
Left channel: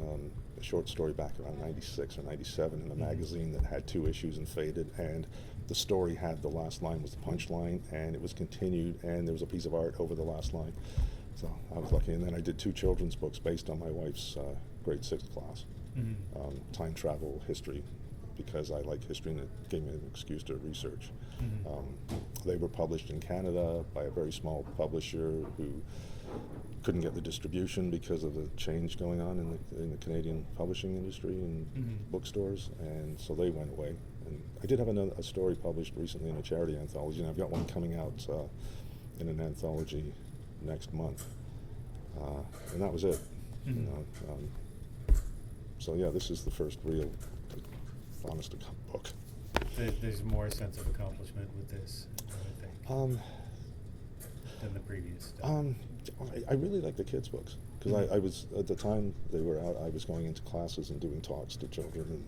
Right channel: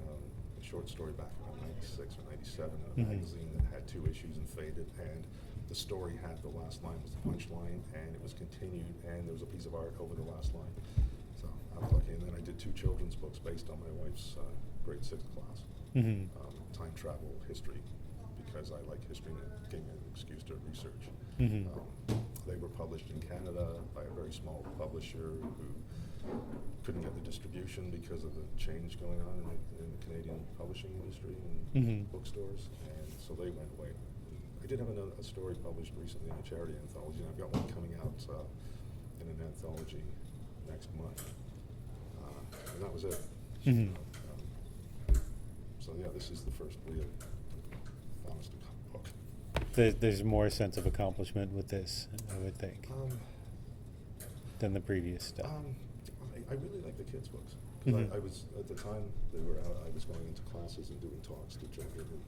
a short story back around 96 or 97 in a magazine that had 2 issues and faded, and the story had the last line was the punchline, and it was continued, and there was a piece of art over the last line. So I was lucky, and then I did 2 children's books based on my wife's grade 6 class, time travel history, because I like history and it gave me an excuse to research. They were published in Canada by a very small publisher who couldn't get the distribution because of the change going on in the Canadian publishing industry and bookstores, and so they went away. And I did have a story published recently in a charity anthology, and I've got one coming out in an anthology next month, and that was it. So this is the first real honest book. There's more sense of accomplishment with this, I would think, than the previous stuff. I really like the kids' books because I was at the time they were out. I was going into classes and doing talks to children,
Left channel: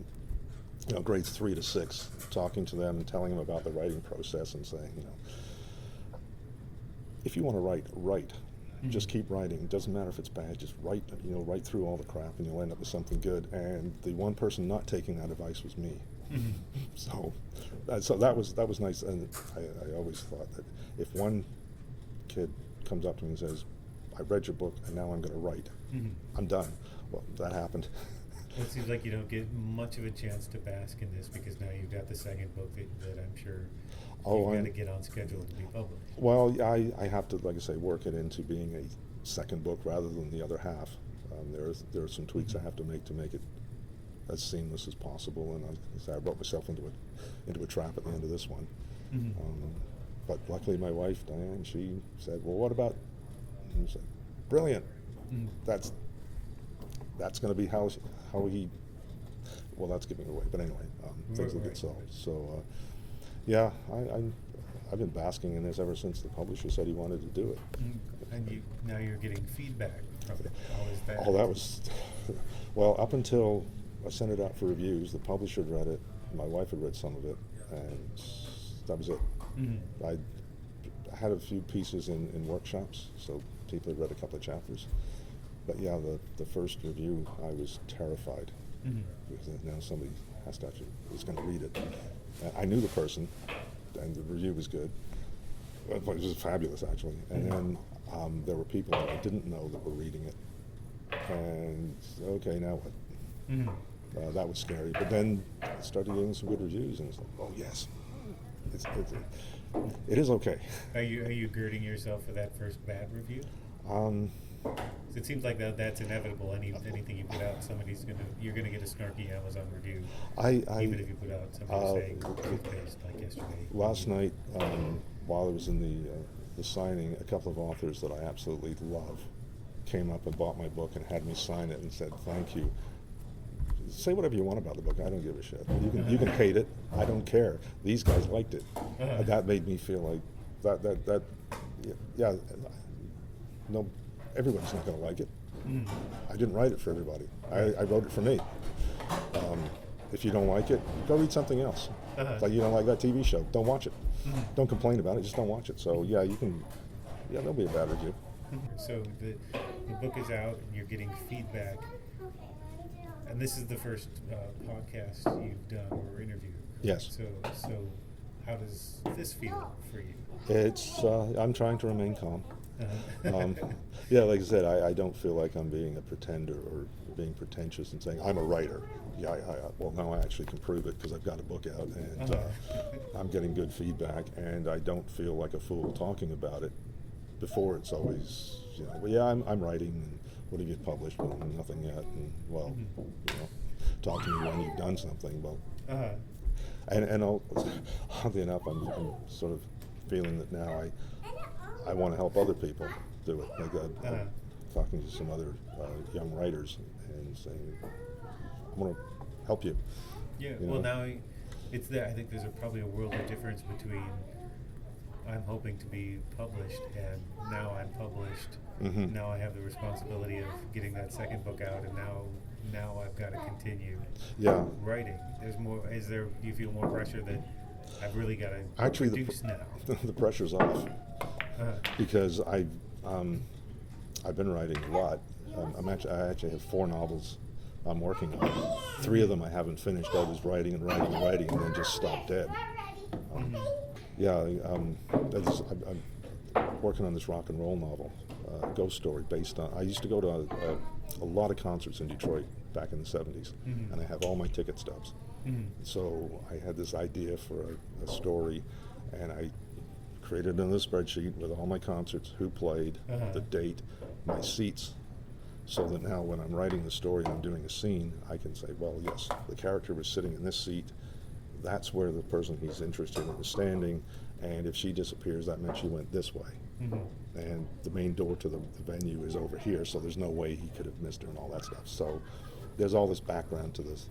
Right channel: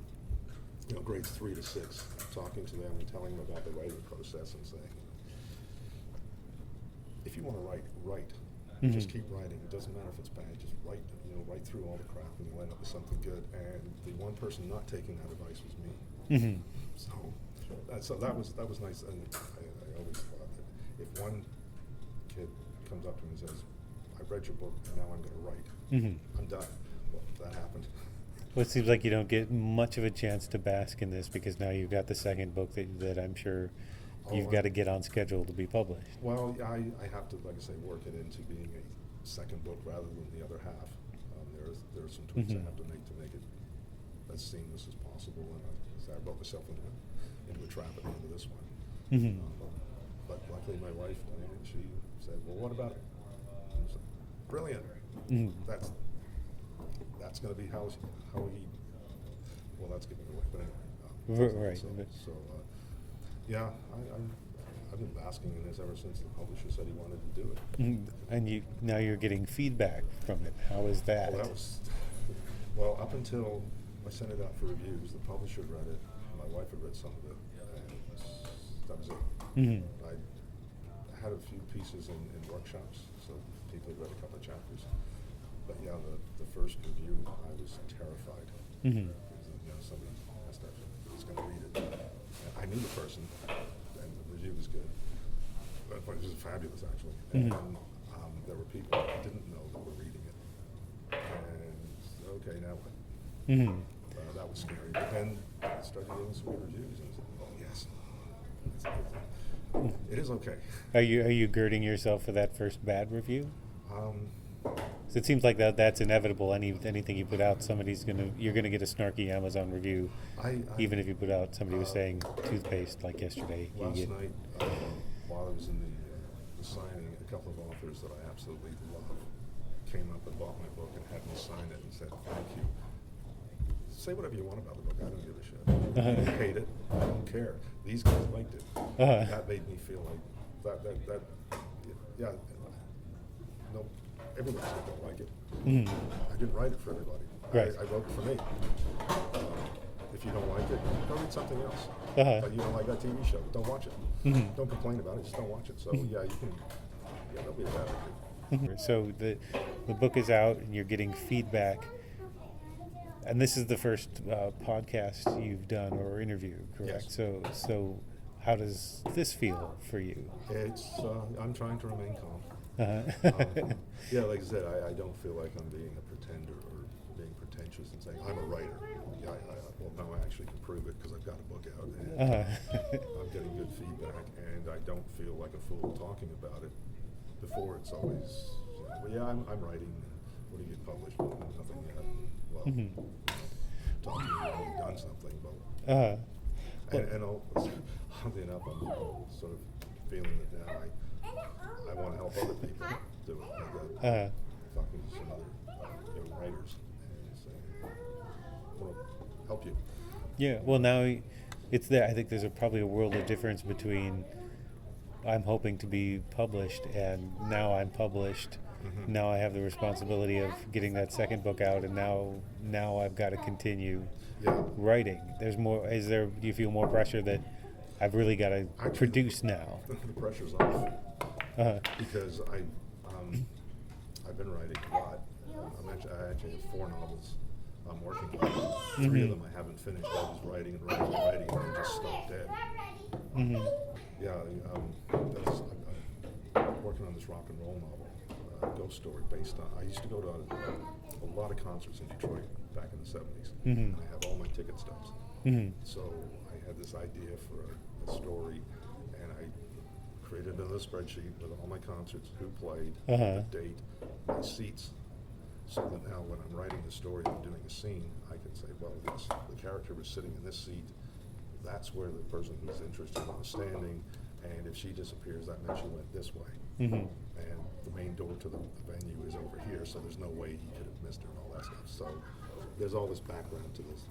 and grades 3 to 6, talking to them and telling them about the writing process and saying, if you want to write. Just keep writing. It doesn't matter if it's bad. Just write. Write through all the crap, and you'll end up with something good. And the one person not taking that advice was me. So that was nice. And I always thought that if one kid comes up to me and says, "I read your book, and now I'm going to write," I'm done. Well, that happened. Well, it seems like you don't get much of a chance to bask in this because now you've got the second book that I'm sure. You've got to get on schedule to be published. Well, I have to, like I say, work it into being a second book rather than the other half. There are some tweaks I have to make it as seamless as possible, and I brought myself into a trap at the end of this one. But luckily, my wife Diane, she said, "Well, what about?" And I said, "Brilliant. That's going to be how he." Well, that's giving it away, but anyway, right. So. I've been basking in this ever since the publisher said he wanted to do it. And now you're getting feedback from it. How is that? Oh, that was well, up until I sent it out for reviews. The publisher read it. My wife had read some of it, and that was it. I had a few pieces in workshops, so people had read a couple of chapters. But the first review, I was terrified because somebody has to actually is going to read it. I knew the person, and the review was good. It was fabulous, actually. And there were people that I didn't know that were reading it. And okay, now what? That was scary. But then I started getting some good reviews, and it's like, oh yes, it is okay. Are you girding yourself for that first bad review? So it seems like that's inevitable. Anything you put out, you're gonna get a snarky Amazon review. Even if you put out somebody who's saying toothpaste like yesterday. Last night, while I was in the signing, a couple of authors that I absolutely love came up and bought my book and had me sign it and said thank you. Say whatever you want about the book. I don't give a shit. You can hate it. I don't care. These guys liked it. And that made me feel like that. Yeah. No, everybody's not going to like it. I didn't write it for everybody. Right. I wrote it for me. If you don't like it, go read something else. Like you don't like that TV show, don't watch it. Don't complain about it. Just don't watch it. So yeah, you can. Yeah, there'll be a bad review. So the book is out, and you're getting feedback. And this is the first podcast you've done or interview, correct? Yes. So how does this feel for you? It's I'm trying to remain calm. Yeah, like I said, I don't feel like I'm being a pretender or being pretentious and saying I'm a writer. Yeah, well, now I actually can prove it because I've got a book out and I'm getting good feedback, and I don't feel like a fool talking about it. Before it's always, well, yeah, I'm writing. And what have you published? Well, nothing yet. And, well, talk to me when you've done something. Well, and oddly enough, I'm sort of feeling that now I want to help other people do it. Like talking to some other young writers and saying, I want to help you. Yeah, well, now it's there. I think there's probably a world of difference between I'm hoping to be published and now I'm published. Now I have the responsibility of getting that second book out, and now I've got to continue writing. There's more. Do you feel more pressure that I've really got to produce now? The pressure's off because I've been writing a lot. I actually have 4 novels I'm working on. 3 of them I haven't finished. I was writing and then just stopped dead. Yeah, I'm working on this rock and roll novel, ghost story based on. I used to go to a lot of concerts in Detroit back in the 70s, and I have all my ticket stubs. So I had this idea for a story, and I created another spreadsheet with all my concerts, who played, the date, my seats, so that now when I'm writing the story and I'm doing a scene, I can say, well, yes, the character was sitting in this seat. That's where the person he's interested in is standing, and if she disappears, that meant she went this way. And the main door to the venue is over here, so there's no way he could have missed her and all that stuff. So there's all this background to this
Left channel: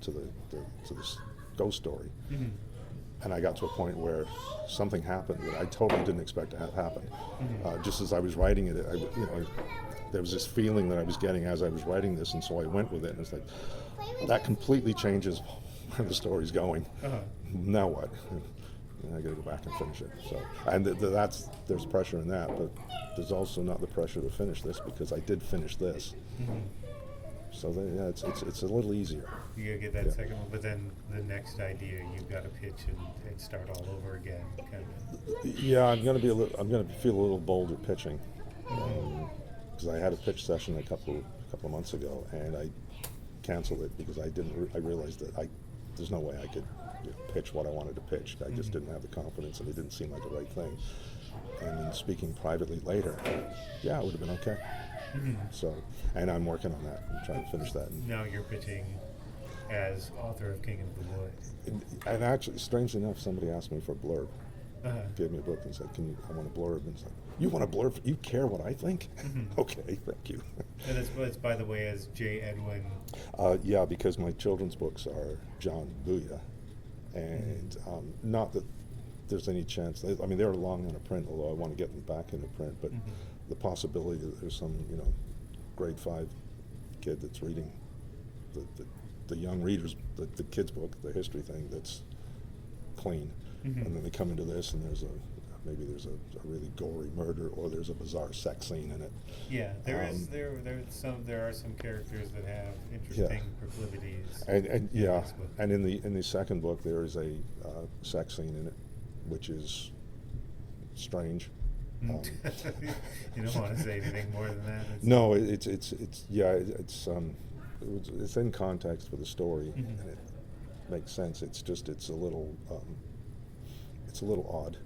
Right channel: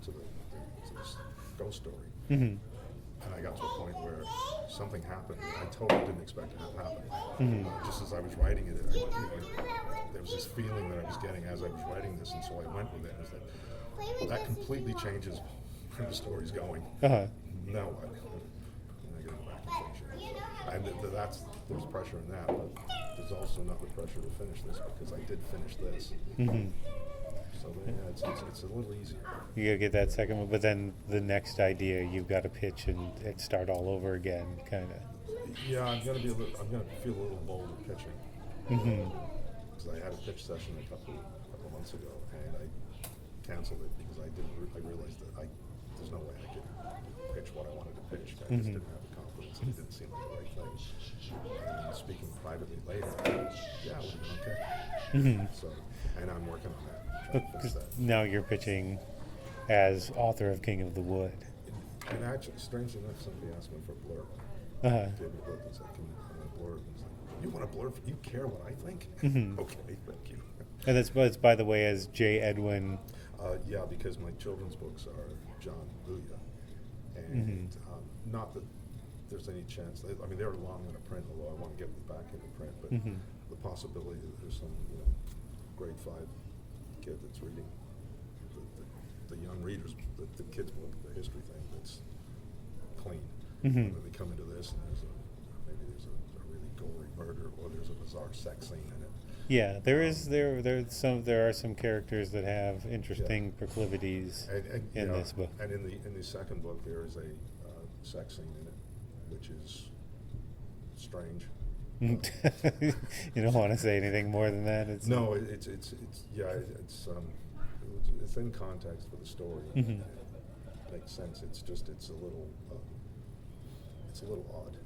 ghost story. And I got to a point where something happened that I totally didn't expect to have happen. Just as I was writing it, there was this feeling that I was getting as I was writing this, and so I went with it. And it's like, well, that completely changes where the story's going. Now what? And I got to go back and finish it. So, and there's pressure in that, but there's also not the pressure to finish this because I did finish this. So yeah, it's a little easier. You gotta get that second one, but then the next idea you've got to pitch and start all over again, kind of. Yeah, I'm gonna feel a little bolder pitching. Because I had a pitch session a couple of months ago, and I canceled it because I realized that there's no way I could pitch what I wanted to pitch. I just didn't have the confidence, and it didn't seem like the right thing. And then speaking privately later, yeah, it would have been okay. So, and I'm working on that. I'm trying to finish that. Now you're pitching as author of King of the Wood. And actually, strangely enough, somebody asked me for a blurb. Gave me a book and said, I want a blurb. And said, you want a blurb? You care what I think? Okay, thank you. And it's by the way, as J. Edwin. Yeah, because my children's books are John Buja. And not that there's any chance. I mean, they're long in a print, although I want to get them back into print. But the possibility that there's some, grade 5 kid that's reading the young readers, the kid's book, the history thing that's clean. And then they come into this, and there's maybe there's a really gory murder, or there's a bizarre sex scene in it. Yeah, there are some characters that have interesting proclivities And in this book. and in the second book there is a sex scene in it, which is strange. You don't want to say anything more than that. No, it's in context for the story, and it makes sense. It's just it's a little odd.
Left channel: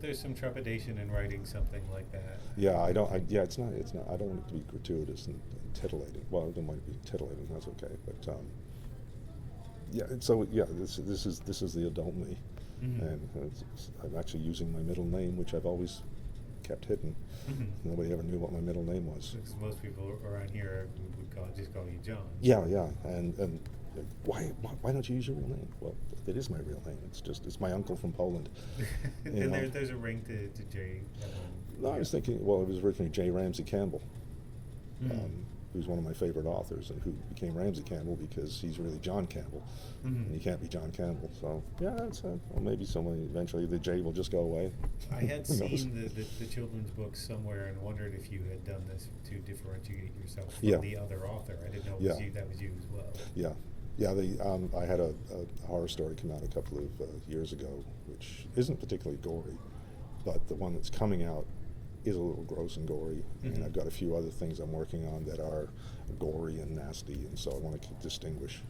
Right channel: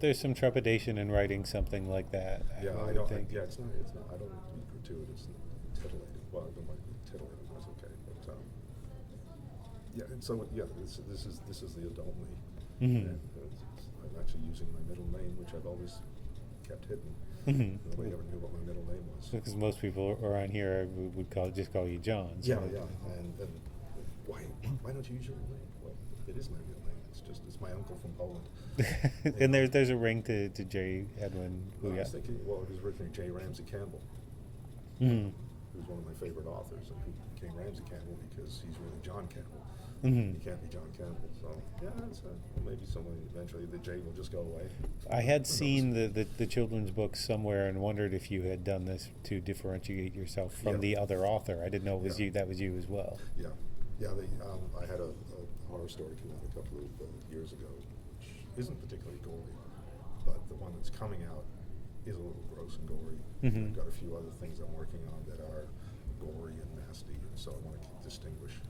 There's some trepidation in writing something like that. It's not. I don't want it to be gratuitous and titillating. Well, it might be titillating. That's okay. But this is the adult me, and I'm actually using my middle name, which I've always kept hidden. Nobody ever knew what my middle name was. Because most people around here would just call you John. So. Yeah. And why don't you use your real name? Well, it is my real name. It's my uncle from Poland. And there's a ring to J. Edwin. No, I was thinking. Well, it was originally J. Ramsey Campbell, who's one of my favorite authors, and who became Ramsey Campbell because he's really John Campbell. And he can't be John Campbell. So well, maybe someone eventually the J will just go away. I had seen the children's books somewhere and wondered if you had done this to differentiate yourself from the other author. I didn't know it was you. That was you as well. Yeah. I had a horror story come out a couple of years ago, which isn't particularly gory, but the one that's coming out is a little gross and gory. And I've got a few other things I'm working on that are gory and nasty, and so I want to distinguish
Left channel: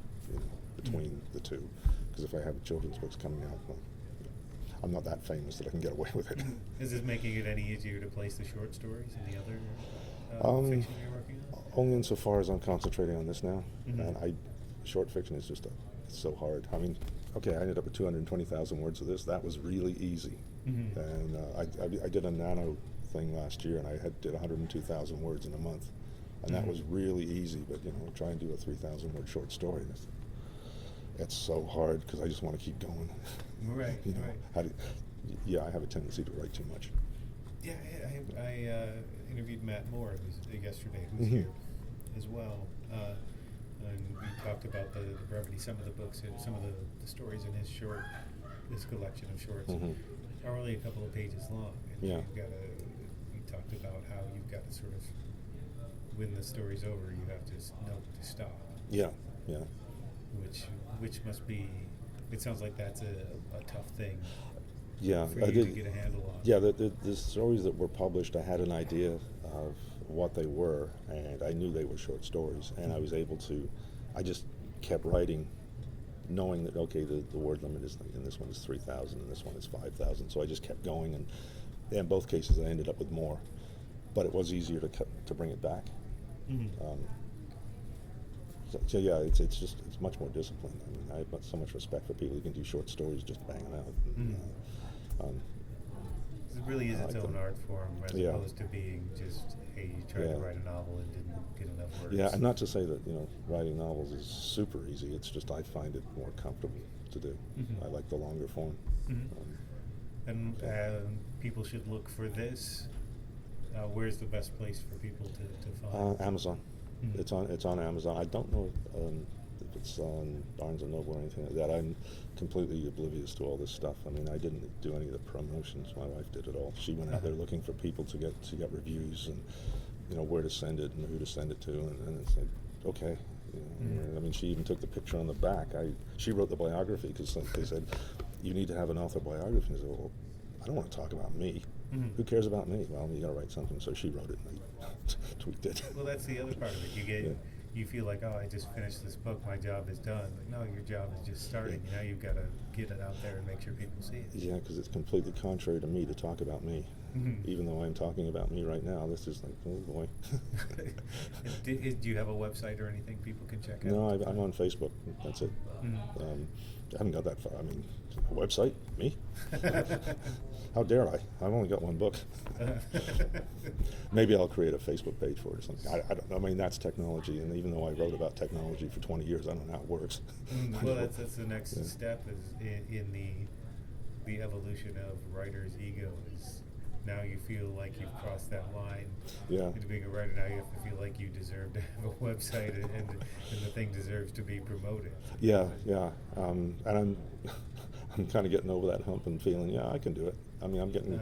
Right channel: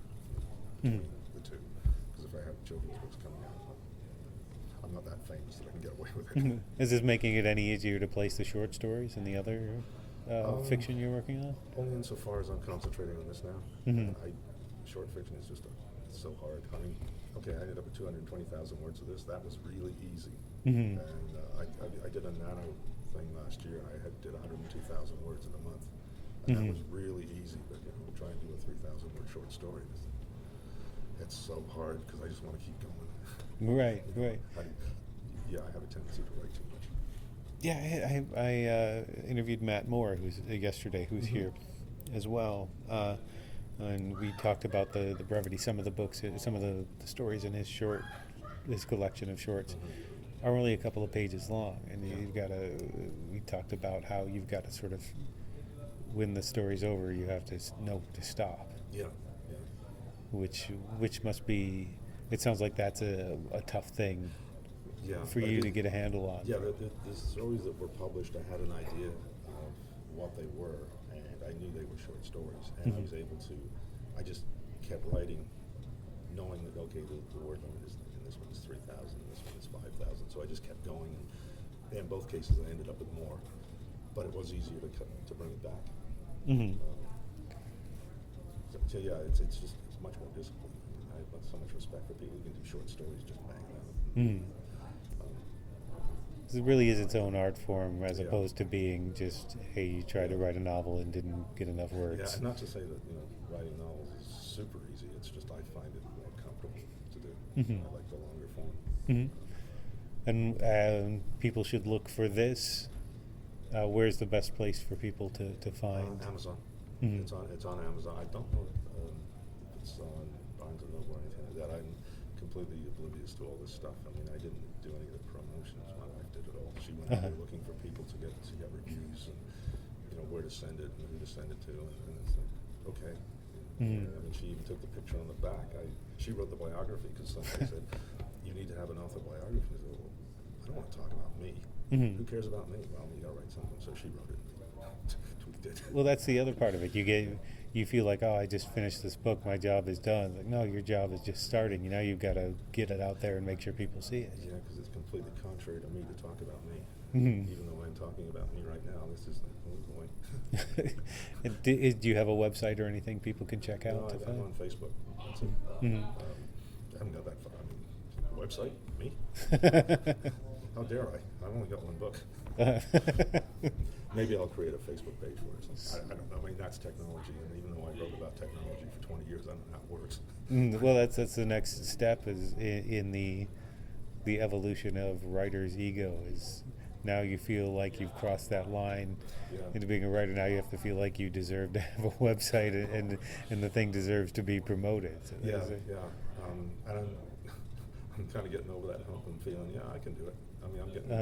between the two. Because if I have children's books coming out, well, I'm not that famous that I can get away with it. Is this making it any easier to place the short stories in the other fiction you're working on? Only insofar as I'm concentrating on this now. And short fiction is just it's so hard. I mean, okay, I ended up with 220,000 words of this. That was really easy. And I did a nano thing last year, and I did 102,000 words in a month, and that was really easy. But try and do a 3,000 word short story. It's so hard because I just want to keep going. Right. I have a tendency to write too much. Yeah, I interviewed Matt Moore yesterday, who's here as well. And we talked about the brevity. Some of the books, some of the stories in his collection of shorts are only a couple of pages long, and we talked about how you've got to sort of, when the story's over, you have to know to stop. Yeah. Which must be. It sounds like that's a tough thing. Yeah. For you to get a handle on. Yeah, the stories that were published, I had an idea of what they were, and I knew they were short stories, and I was able to. I just kept writing, knowing that okay, the word limit is, and this one is 3,000, and this one is 5,000. So I just kept going, and in both cases I ended up with more, but it was easier to bring it back. So it's much more disciplined. I mean, I have so much respect for people who can do short stories just banging out. It really is its own art form, as opposed to being just, hey, you tried to write a novel and didn't get enough words. Yeah, and not to say that writing novels is super easy. It's just I find it more comfortable to do. I like the longer form. And people should look for this. Where's the best place for people to find? Amazon. It's on Amazon. I don't know if it's on Barnes and Noble or anything like that. I'm completely oblivious to all this stuff. I mean, I didn't do any of the promotions. My wife did it all. She went out there looking for people to get reviews and where to send it and who to send it to, and it's like, okay. I mean, she even took the picture on the back. She wrote the biography because they said you need to have an author biography. And I said, well, I don't want to talk about me. Who cares about me? Well, you got to write something. So she wrote it. Tweaked it. Well, that's the other part of it. You feel like, oh, I just finished this book, my job is done. Like, no, your job is just starting. You've got to get it out there and make sure people see it. Yeah, because it's completely contrary to me to talk about me. Even though I'm talking about me right now, this is like, oh boy. Do you have a website or anything people can check out? No, I'm on Facebook. That's it. I haven't got that far. I mean, a website? Me? How dare I? I've only got one book. Maybe I'll create a Facebook page for it or something. I don't know. I mean, that's technology, and even though I wrote about technology for 20 years, I don't know how it works. Well, that's the next step is in the evolution of writer's ego is now you feel like you've crossed that line into being a writer. Now you have to feel like you deserve to have a website and the thing deserves to be promoted. So and I'm kind of getting over that hump and feeling, I can do it. I mean, I'm getting,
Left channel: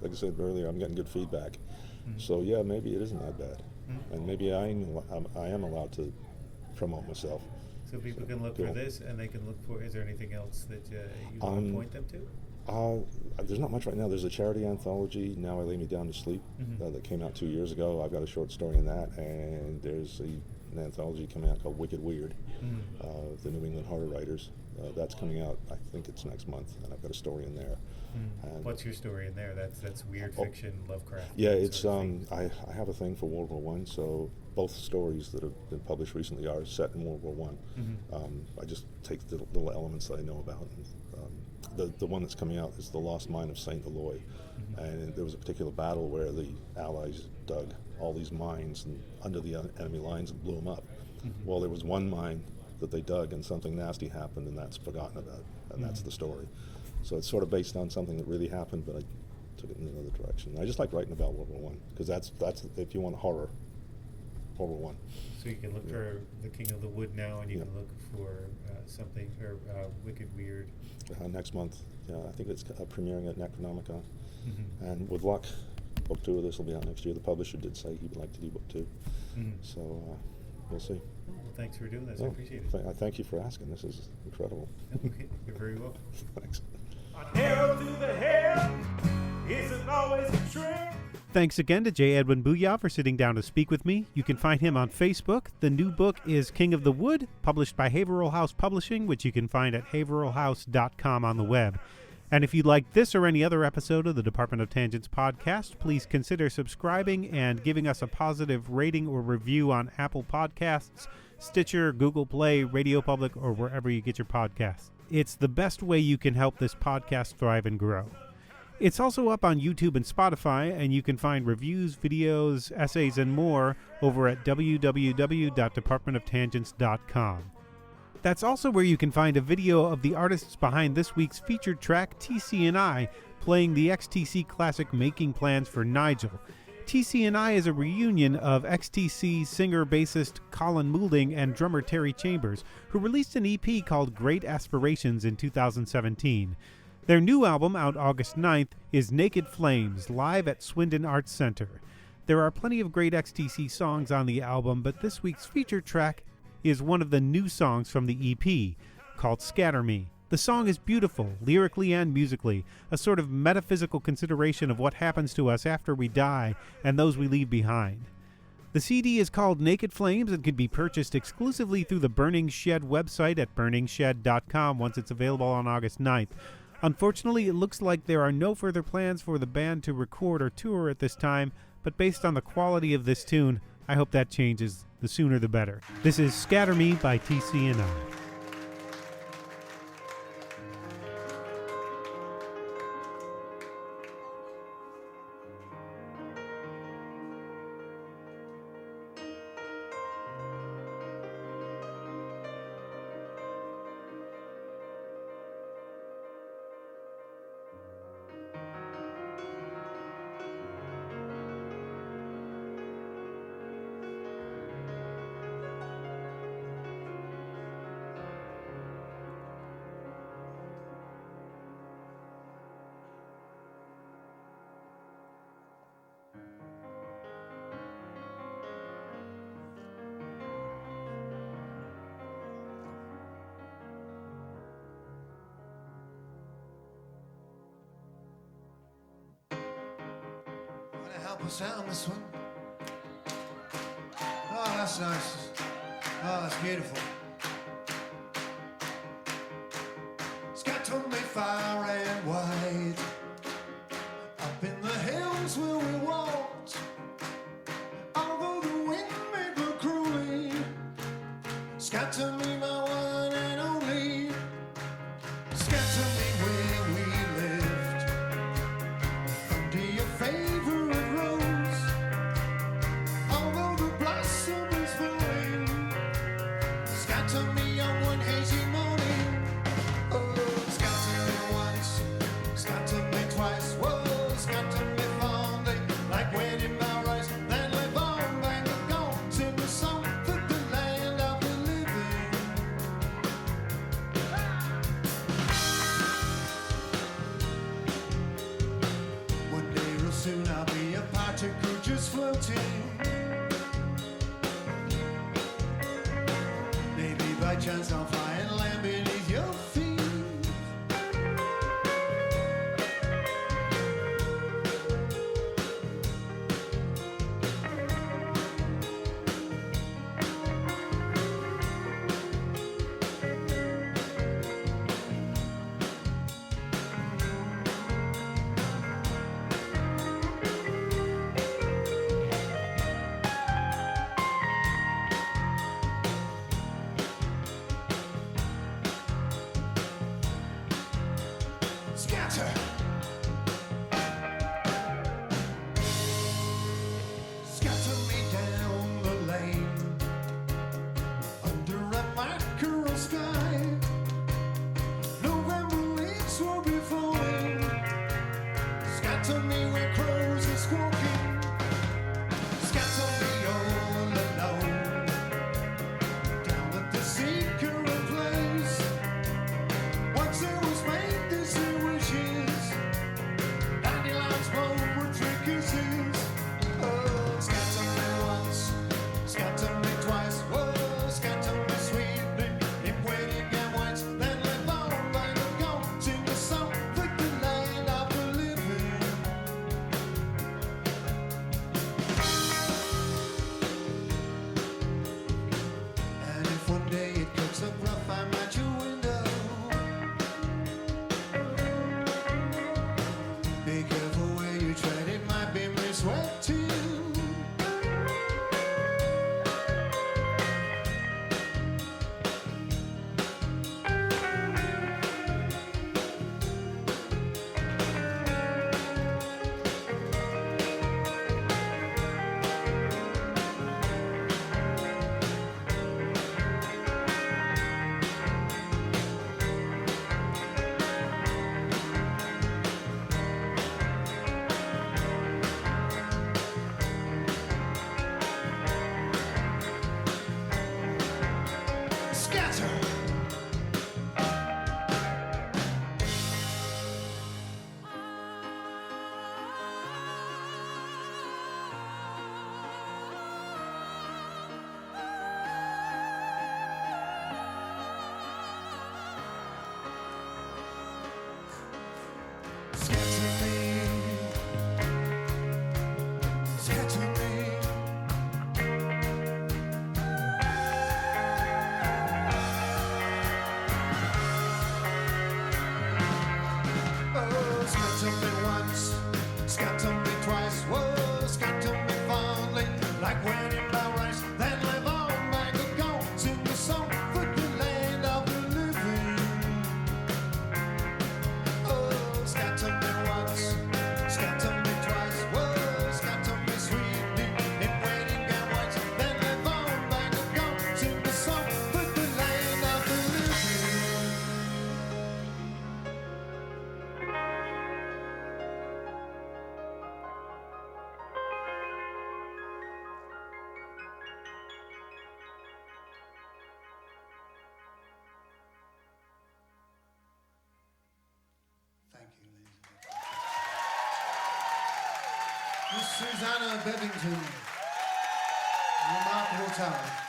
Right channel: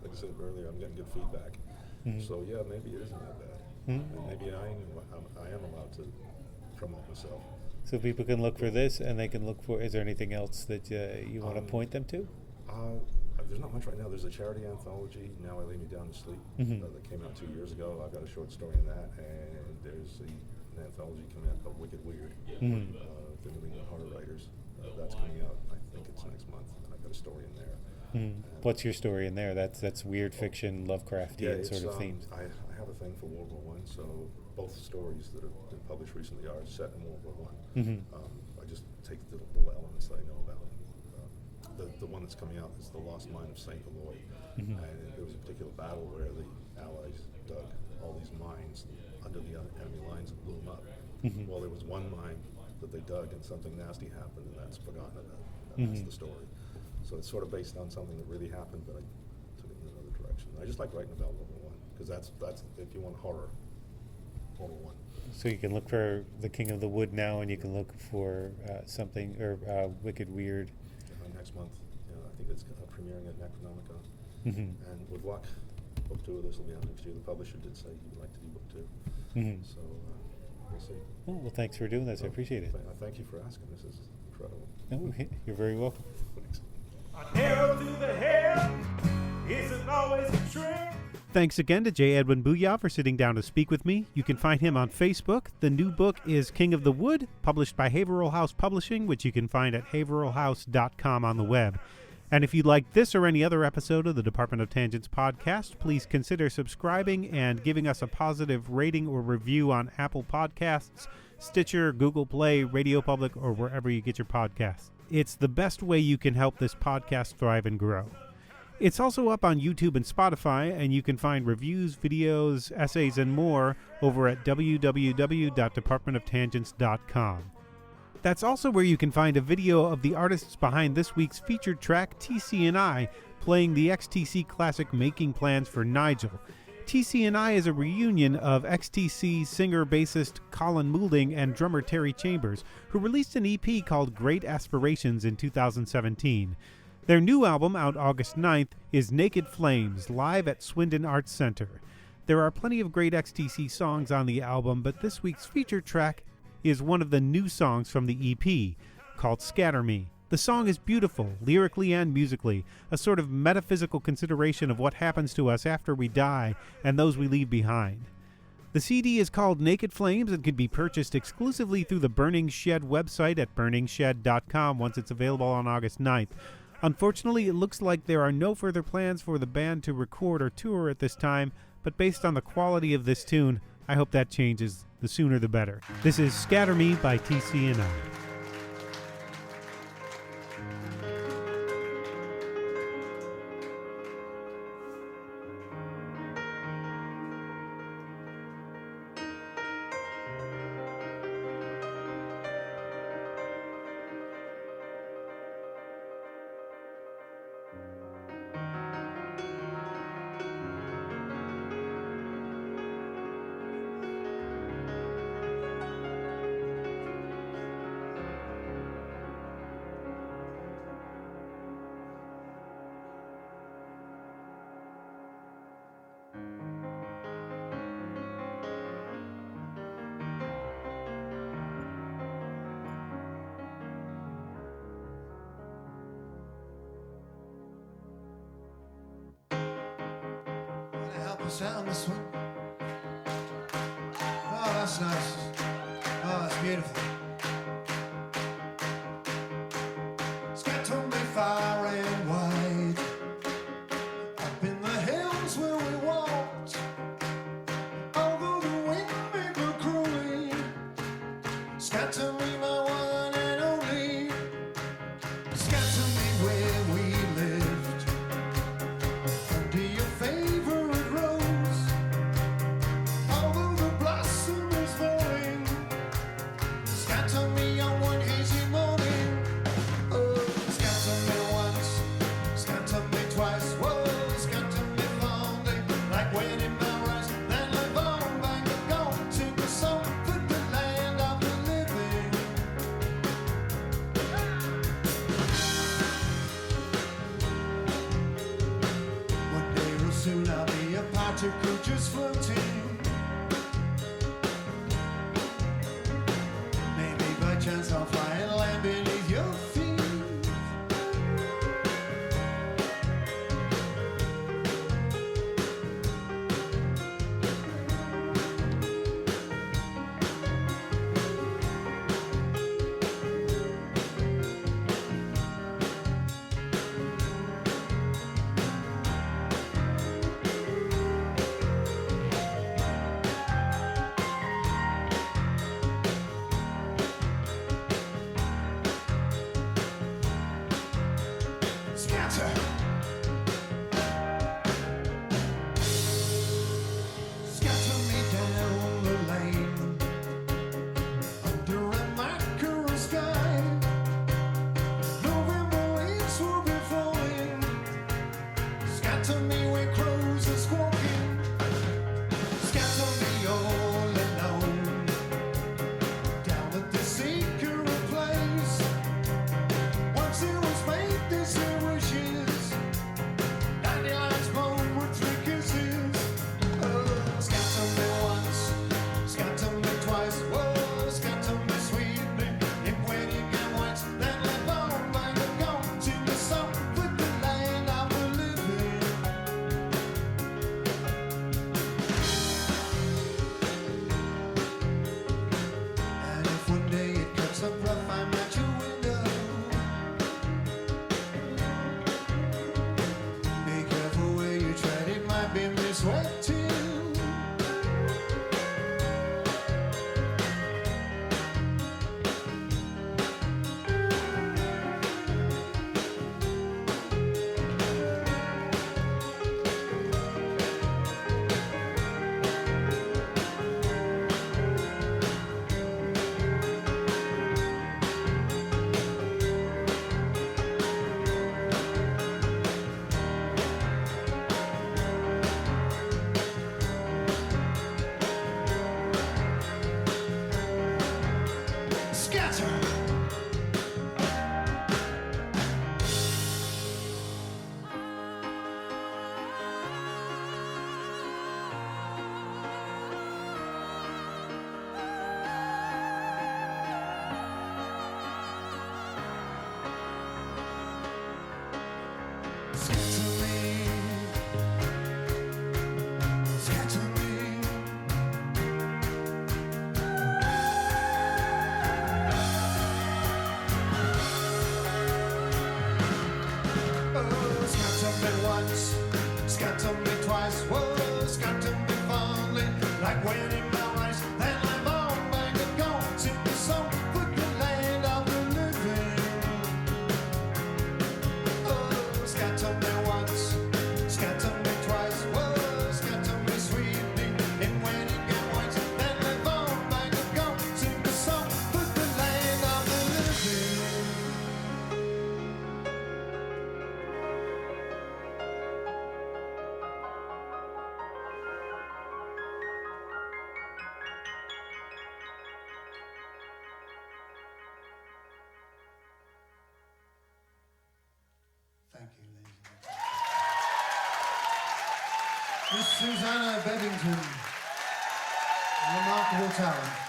like I said earlier, I'm getting good feedback. So yeah, maybe it isn't that bad, and maybe I am allowed to promote myself. So people can look for this, and they can look for. Is there anything else that you want to point them to? There's not much right now. There's a charity anthology, Now I Lay Me Down to Sleep, that came out 2 years ago. I've got a short story in that, and there's an anthology coming out called Wicked Weird, the New England horror writers. That's coming out, I think it's next month, and I've got a story in there. What's your story in there? That's weird fiction, Lovecraftian yeah, it's sort of themes. I have a thing for World War I, so both stories that have been published recently are set in World War I. I just take the little elements that I know about. The one that's coming out is The Lost Mine of St. Eloi, and there was a particular battle where the Allies dug all these mines under the enemy lines and blew them up. Well, there was one mine that they dug and something nasty happened, and that's forgotten about, and that's the story. So it's sort of based on something that really happened, but I took it in another direction. I just like writing about World War I, because that's if you want horror, World War I. So you can look for The King of the Wood now, and you can look for something, or Wicked Weird. Next month, I think it's premiering at NECON. And with luck, book 2 of this will be out next year. The publisher did say he would like to do book 2. So we'll see. Well, thanks for doing this. I appreciate it. Thank you for asking. This is incredible. You're very welcome. Thanks. An arrow to the head isn't always a trick. Thanks again to J. Edwin Buja for sitting down to speak with me. You can find him on Facebook. The new book is King of the Wood, published by Haverhill House Publishing, which you can find at haverhillhouse.com on the web. And if you like this or any other episode of the Department of Tangents podcast, please consider subscribing and giving us a positive rating or review on Apple Podcasts, Stitcher, Google Play, Radio Public, or wherever you get your podcasts. It's the best way you can help this podcast thrive and grow. It's also up on YouTube and Spotify, and you can find reviews, videos, essays, and more over at www.departmentoftangents.com. That's also where you can find a video of the artists behind this week's featured track, TC&I, playing the XTC classic Making Plans for Nigel. TC&I is a reunion of XTC singer-bassist Colin Moulding and drummer Terry Chambers, who released an EP called Great Aspirations in 2017. Their new album, out August 9th, is Naked Flames, live at Swindon Arts Center. There are plenty of great XTC songs on the album, but this week's featured track is one of the new songs from the EP, called Scatter Me. The song is beautiful, lyrically and musically, a sort of metaphysical consideration of what happens to us after we die and those we leave behind. The CD is called Naked Flames and can be purchased exclusively through the Burning Shed website at burningshed.com once it's available on August 9th. Unfortunately, it looks like there are no further plans for the band to record or tour at this time, but based on the quality of this tune, I hope that changes. The sooner the better. This is Scatter Me by TC&I. Help us out on this one. Oh, that's nice. Oh, that's beautiful. Scatter me far and wide, up in the hills where we walked, although the wind may blow cruelly. Scatter me, my one and only. Scatter me where we lived, under your favorite rose, although the blossom is falling. Scatter me on one hazy morning. Oh, scatter me once, scatter me twice. Whoa, scatter me fondly, like when in my rise. Then live on, bang of gone, sing a song for the land of the living. by chance I'll fly and land beneath your feet. Scatter. Scatter me down the lane under a mackerel sky. November leaves will be falling. Scatter me where crows are squawking. Scatter me all alone down at the secret place. Once it was made, this it wishes. Dandelions blow with three kisses. Oh, scatter me once, scatter me twice. Whoa, scatter me sweetly. If when you get once, then live on by the go. Sing a song with the land of the living. And if one day it comes up rough, I'm at your window. Be careful where you tread, it might be me sweating. Scatter. Scatter me. Scatter me. Oh, scatter me once, scatter me twice. Whoa, scatter me fondly, like when in my rice. Then live on back and go, sing a song for the land of the living. Oh, scatter me once, scatter me twice. Whoa, scatter me sweetly, if when you get once, then live on back and go, sing a song for the land of the living. Thank you, ladies and gentlemen. Miss Susanna Beddington, remarkable talent.